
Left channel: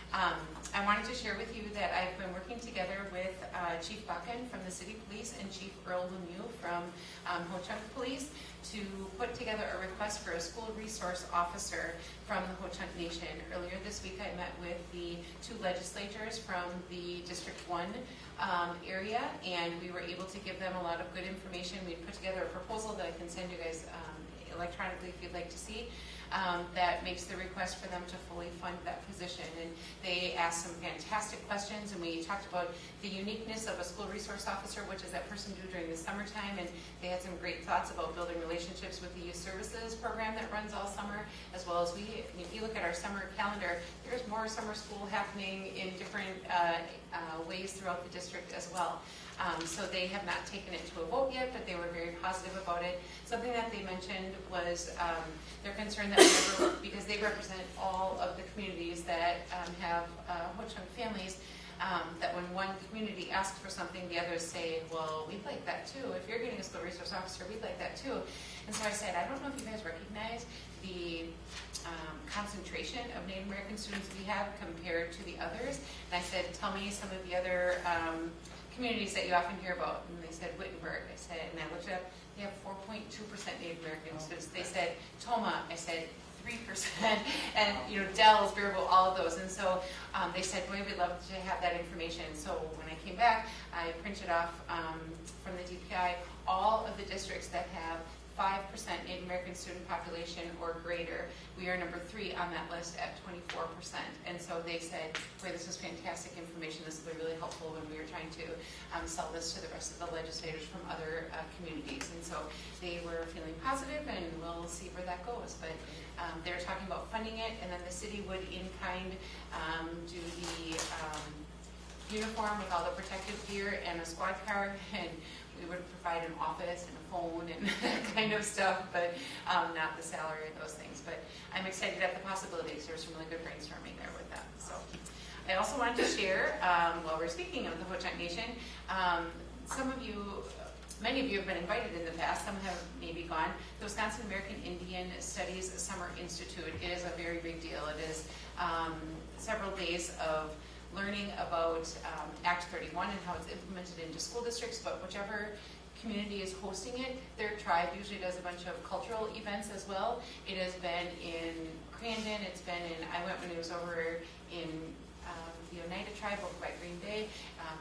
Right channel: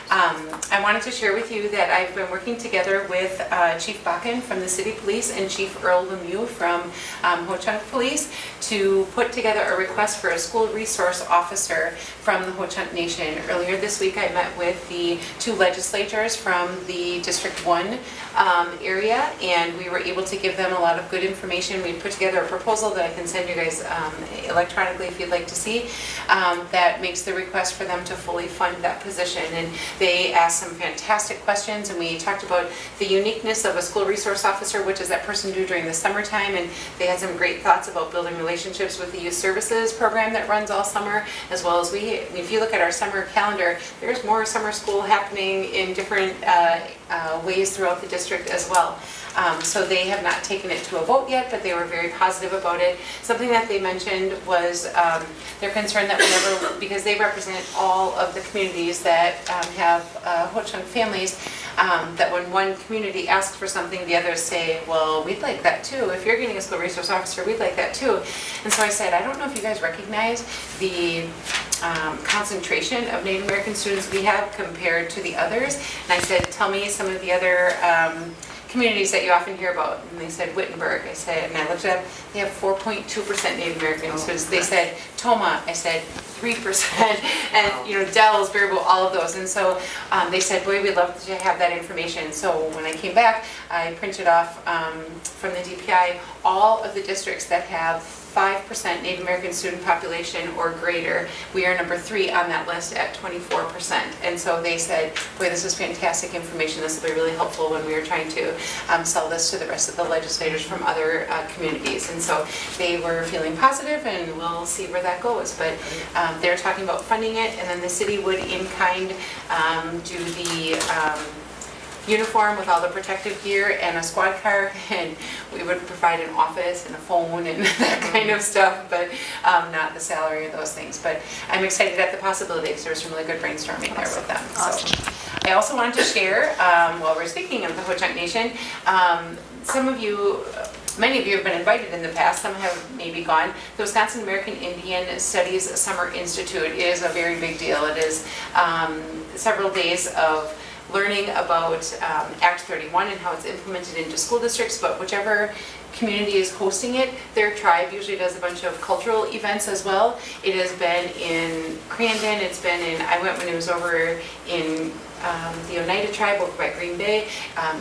I wanted to share with you that I've been working together with Chief Bakken from the City Police and Chief Earl Lemieux from Ho-Chunk Police to put together a request for a school resource officer from the Ho-Chunk Nation. Earlier this week I met with the 2 legislators from the District 1 area, and we were able to give them a lot of good information. We put together a proposal that I can send you guys electronically if you'd like to see, that makes the request for them to fully fund that position. And they asked some fantastic questions, and we talked about the uniqueness of a school resource officer, what does that person do during the summertime, and they had some great thoughts about building relationships with the youth services program that runs all summer, as well as if you look at our summer calendar, there's more summer school happening in different ways throughout the district as well. So they have not taken it to a vote yet, but they were very positive about it. Something that they mentioned was their concern that whenever, because they represent all of the communities that have Ho-Chunk families, that when one community asks for something, the others say, well, we'd like that too. If you're getting a school resource officer, we'd like that too. And so I said, I don't know if you guys recognize the concentration of Native American students we have compared to the others. And I said, tell me some of the other communities that you often hear about, and they said Wittenberg, I said, and I looked it up, they have 4.2% Native Americans. They said Toma, I said 3%, and Dells, Baraboo, all of those. And so they said, boy, we'd love to have that information. So when I came back, I printed off from the DPI all of the districts that have 5% Native American student population or greater. We are number 3 on that list at 24%. And so they said, boy, this is fantastic information. This will be really helpful when we are trying to sell this to the rest of the legislators from other communities. And so they were feeling positive, and we'll see where that goes. But they're talking about funding it, and then the city would in kind do the uniform with all the protective gear and a squad car, and we would provide an office and a phone and that kind of stuff, but not the salary or those things. But I'm excited at the possibilities. There was some really good brainstorming there with them. Awesome. So I also wanted to share, while we're speaking of the Ho-Chunk Nation, some of you, many of you have been invited in the past, some have maybe gone. The Wisconsin American Indian Studies Summer Institute is a very big deal. It is several days of learning about Act 31 and how it's implemented into school districts, but whichever community is hosting it, their tribe usually does a bunch of cultural events as well. It has been in Crandon, it's been in, I went when it was over in the Oneida tribe over by Green Bay.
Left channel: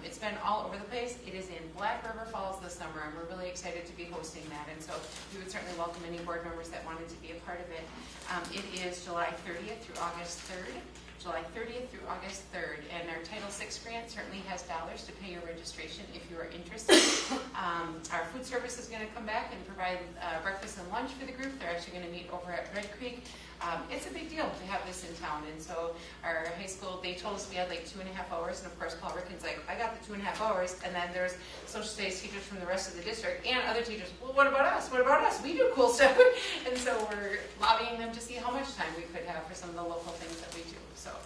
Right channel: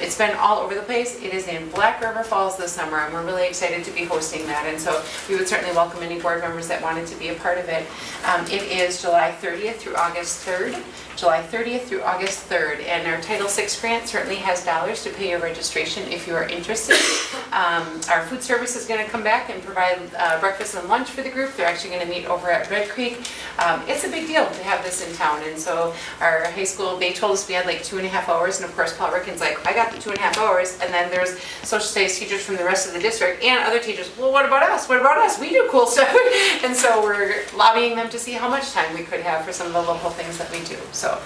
It's been all over the place. It is in Black River Falls this summer, and we're really excited to be hosting that. And so we would certainly welcome any board members that wanted to be a part of it. It is July 30th through August 3rd. July 30th through August 3rd. And our Title VI grant certainly has dollars to pay your registration if you are interested. Our food service is going to come back and provide breakfast and lunch for the group. They're actually going to meet over at Red Creek. It's a big deal to have this in town. And so our high school, they told us we had like 2.5 hours. And of course, Paul Rickin's like, I got the 2.5 hours. And then there's social studies teachers from the rest of the district and other teachers. Well, what about us? What about us? We do cool stuff. And so we're lobbying them to see how much time we could have for some of the local things that we do. So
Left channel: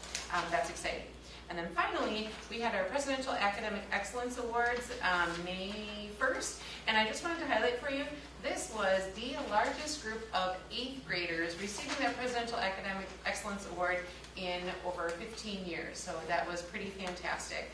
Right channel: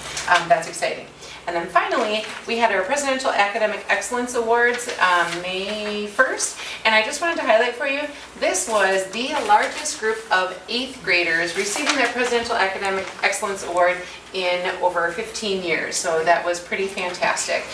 that's exciting. And then finally, we had our Presidential Academic Excellence Awards May 1st. And I just wanted to highlight for you, this was the largest group of 8th graders receiving their Presidential Academic Excellence Award in over 15 years. So that was pretty fantastic.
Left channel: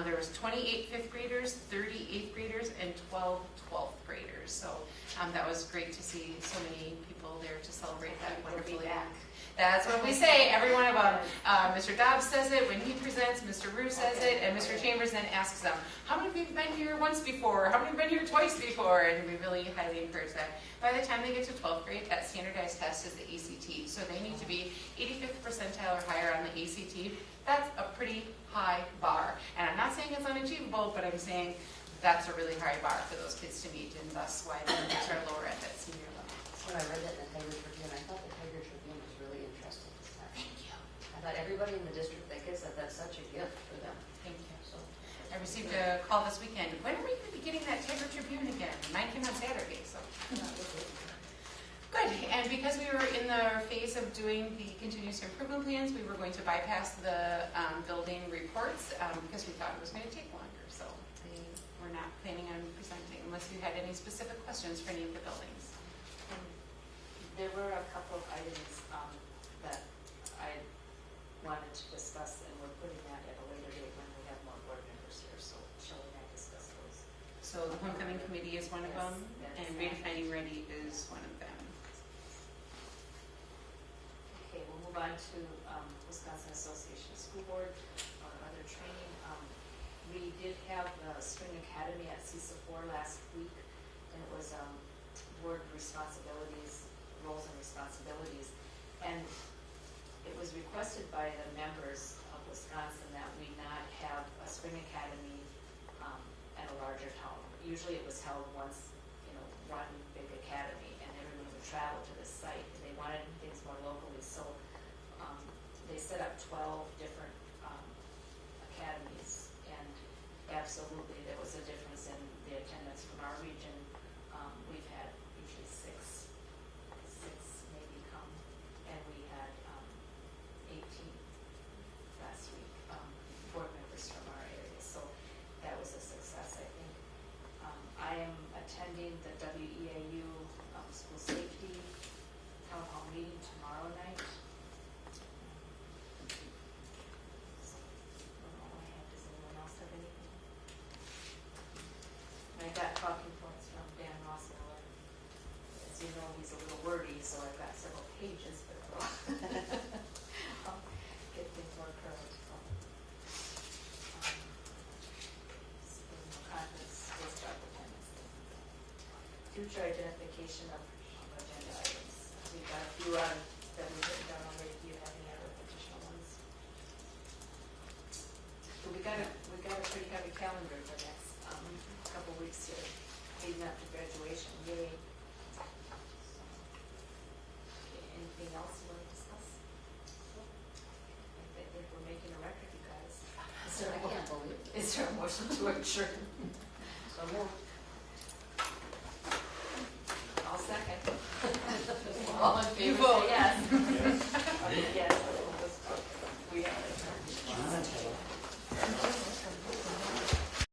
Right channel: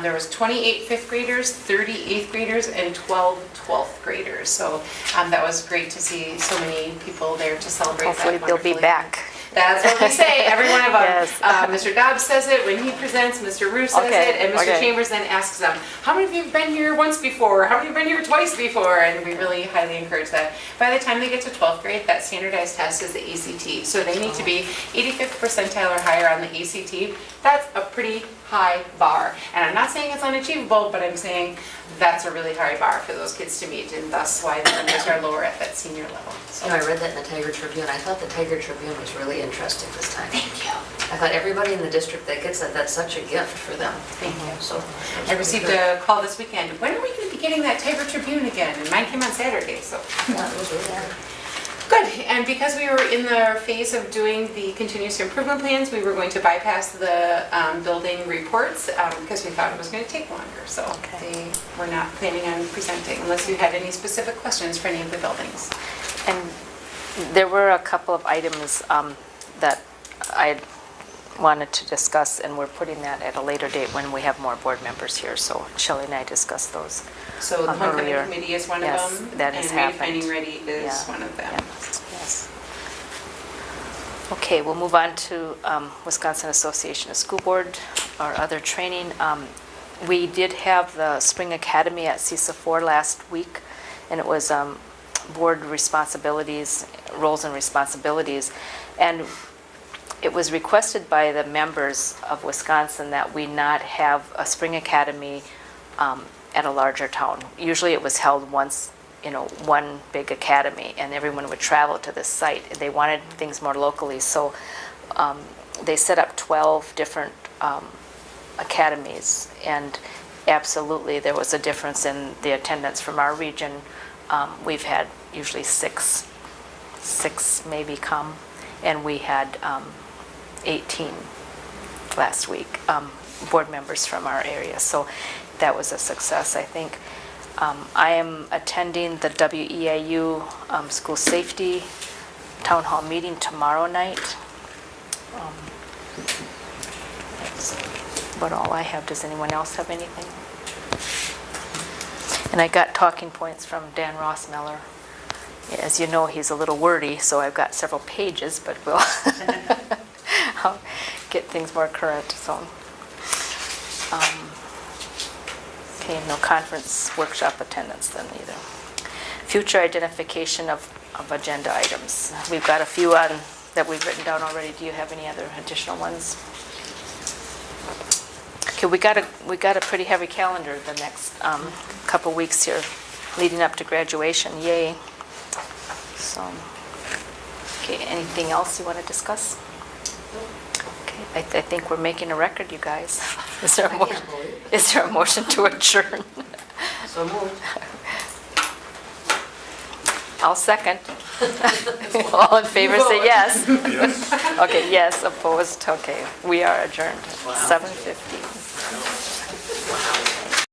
There was 28 5th graders, 30 8th graders, and 12 12th graders. So that was great to see so many people there to celebrate. Hopefully that they'll be wonderful back. That's what we say, every one of them. Yes. Mr. Dobbs says it when he presents, Mr. Rue says Okay, it, and Mr. okay. Chambers then asks them, how many of you have been here once before? How many have been here twice before? And we really highly encourage that. By the time they get to 12th grade, that standardized test is the ACT. So they need to be 85th percentile or higher on the ACT. That's a pretty high bar. And I'm not saying it's unachievable, but I'm saying that's a really high bar for those kids to meet, and thus why the numbers are lower at that senior level. So. I read that in the Tiger Tribune. I thought the Tiger Tribune was really interesting this time. Thank you. I thought everybody in the district that gets that, that's such a gift for them. Thank you. So I received a call this weekend. When are we going to be getting that Tiger Tribune again? And mine came on Saturday, so. Yeah, it was really Good, and because we were in the phase of doing the continuous improvement plans, we were going to bypass the building reports because we thought it was going to take longer. So they were not planning on presenting unless you had any specific questions for any of the buildings. And there were a couple of items that I wanted to discuss, and we're putting that at a later date when we have more board members here. So Shelley and I discussed those. So the homecoming earlier. committee is one Yes, of them, that has and happened. Finding Ready is one of them. Yes. Okay, we'll move on to Wisconsin Association of School Board, our other training. We did have the Spring Academy at CISA 4 last week, and it was board responsibilities, roles and responsibilities. And it was requested by the members of Wisconsin that we not have a Spring Academy at a larger town. Usually it was held once, one big academy, and everyone would travel to this site. They wanted things more locally, so they set up 12 different academies, and absolutely there was a difference in the attendance from our region. We've had usually six maybe come, and we had 18 last week, board members from our area. So that was a success, I think. I am attending the WEIU School Safety Town Hall meeting tomorrow night. That's about all I have. Does anyone else have anything? And I got talking points from Dan Rossmeller. As you know, he's a little wordy, so I've got several pages, but we'll I'll get things more current, so. Okay, no conference workshop attendance then either. Future identification of agenda items. We've got a few on that we've written down already. Do you have any other additional ones? Okay, we got a pretty heavy calendar the next couple weeks here, leading up to graduation. Yay! So, okay, anything else you want to discuss? Okay, I think we're making a record, you guys. Is there a motion to adjourn? So moved. I'll second. All in favor, say yes. Yes. Okay, yes, opposed, okay. We are adjourned, 7:50.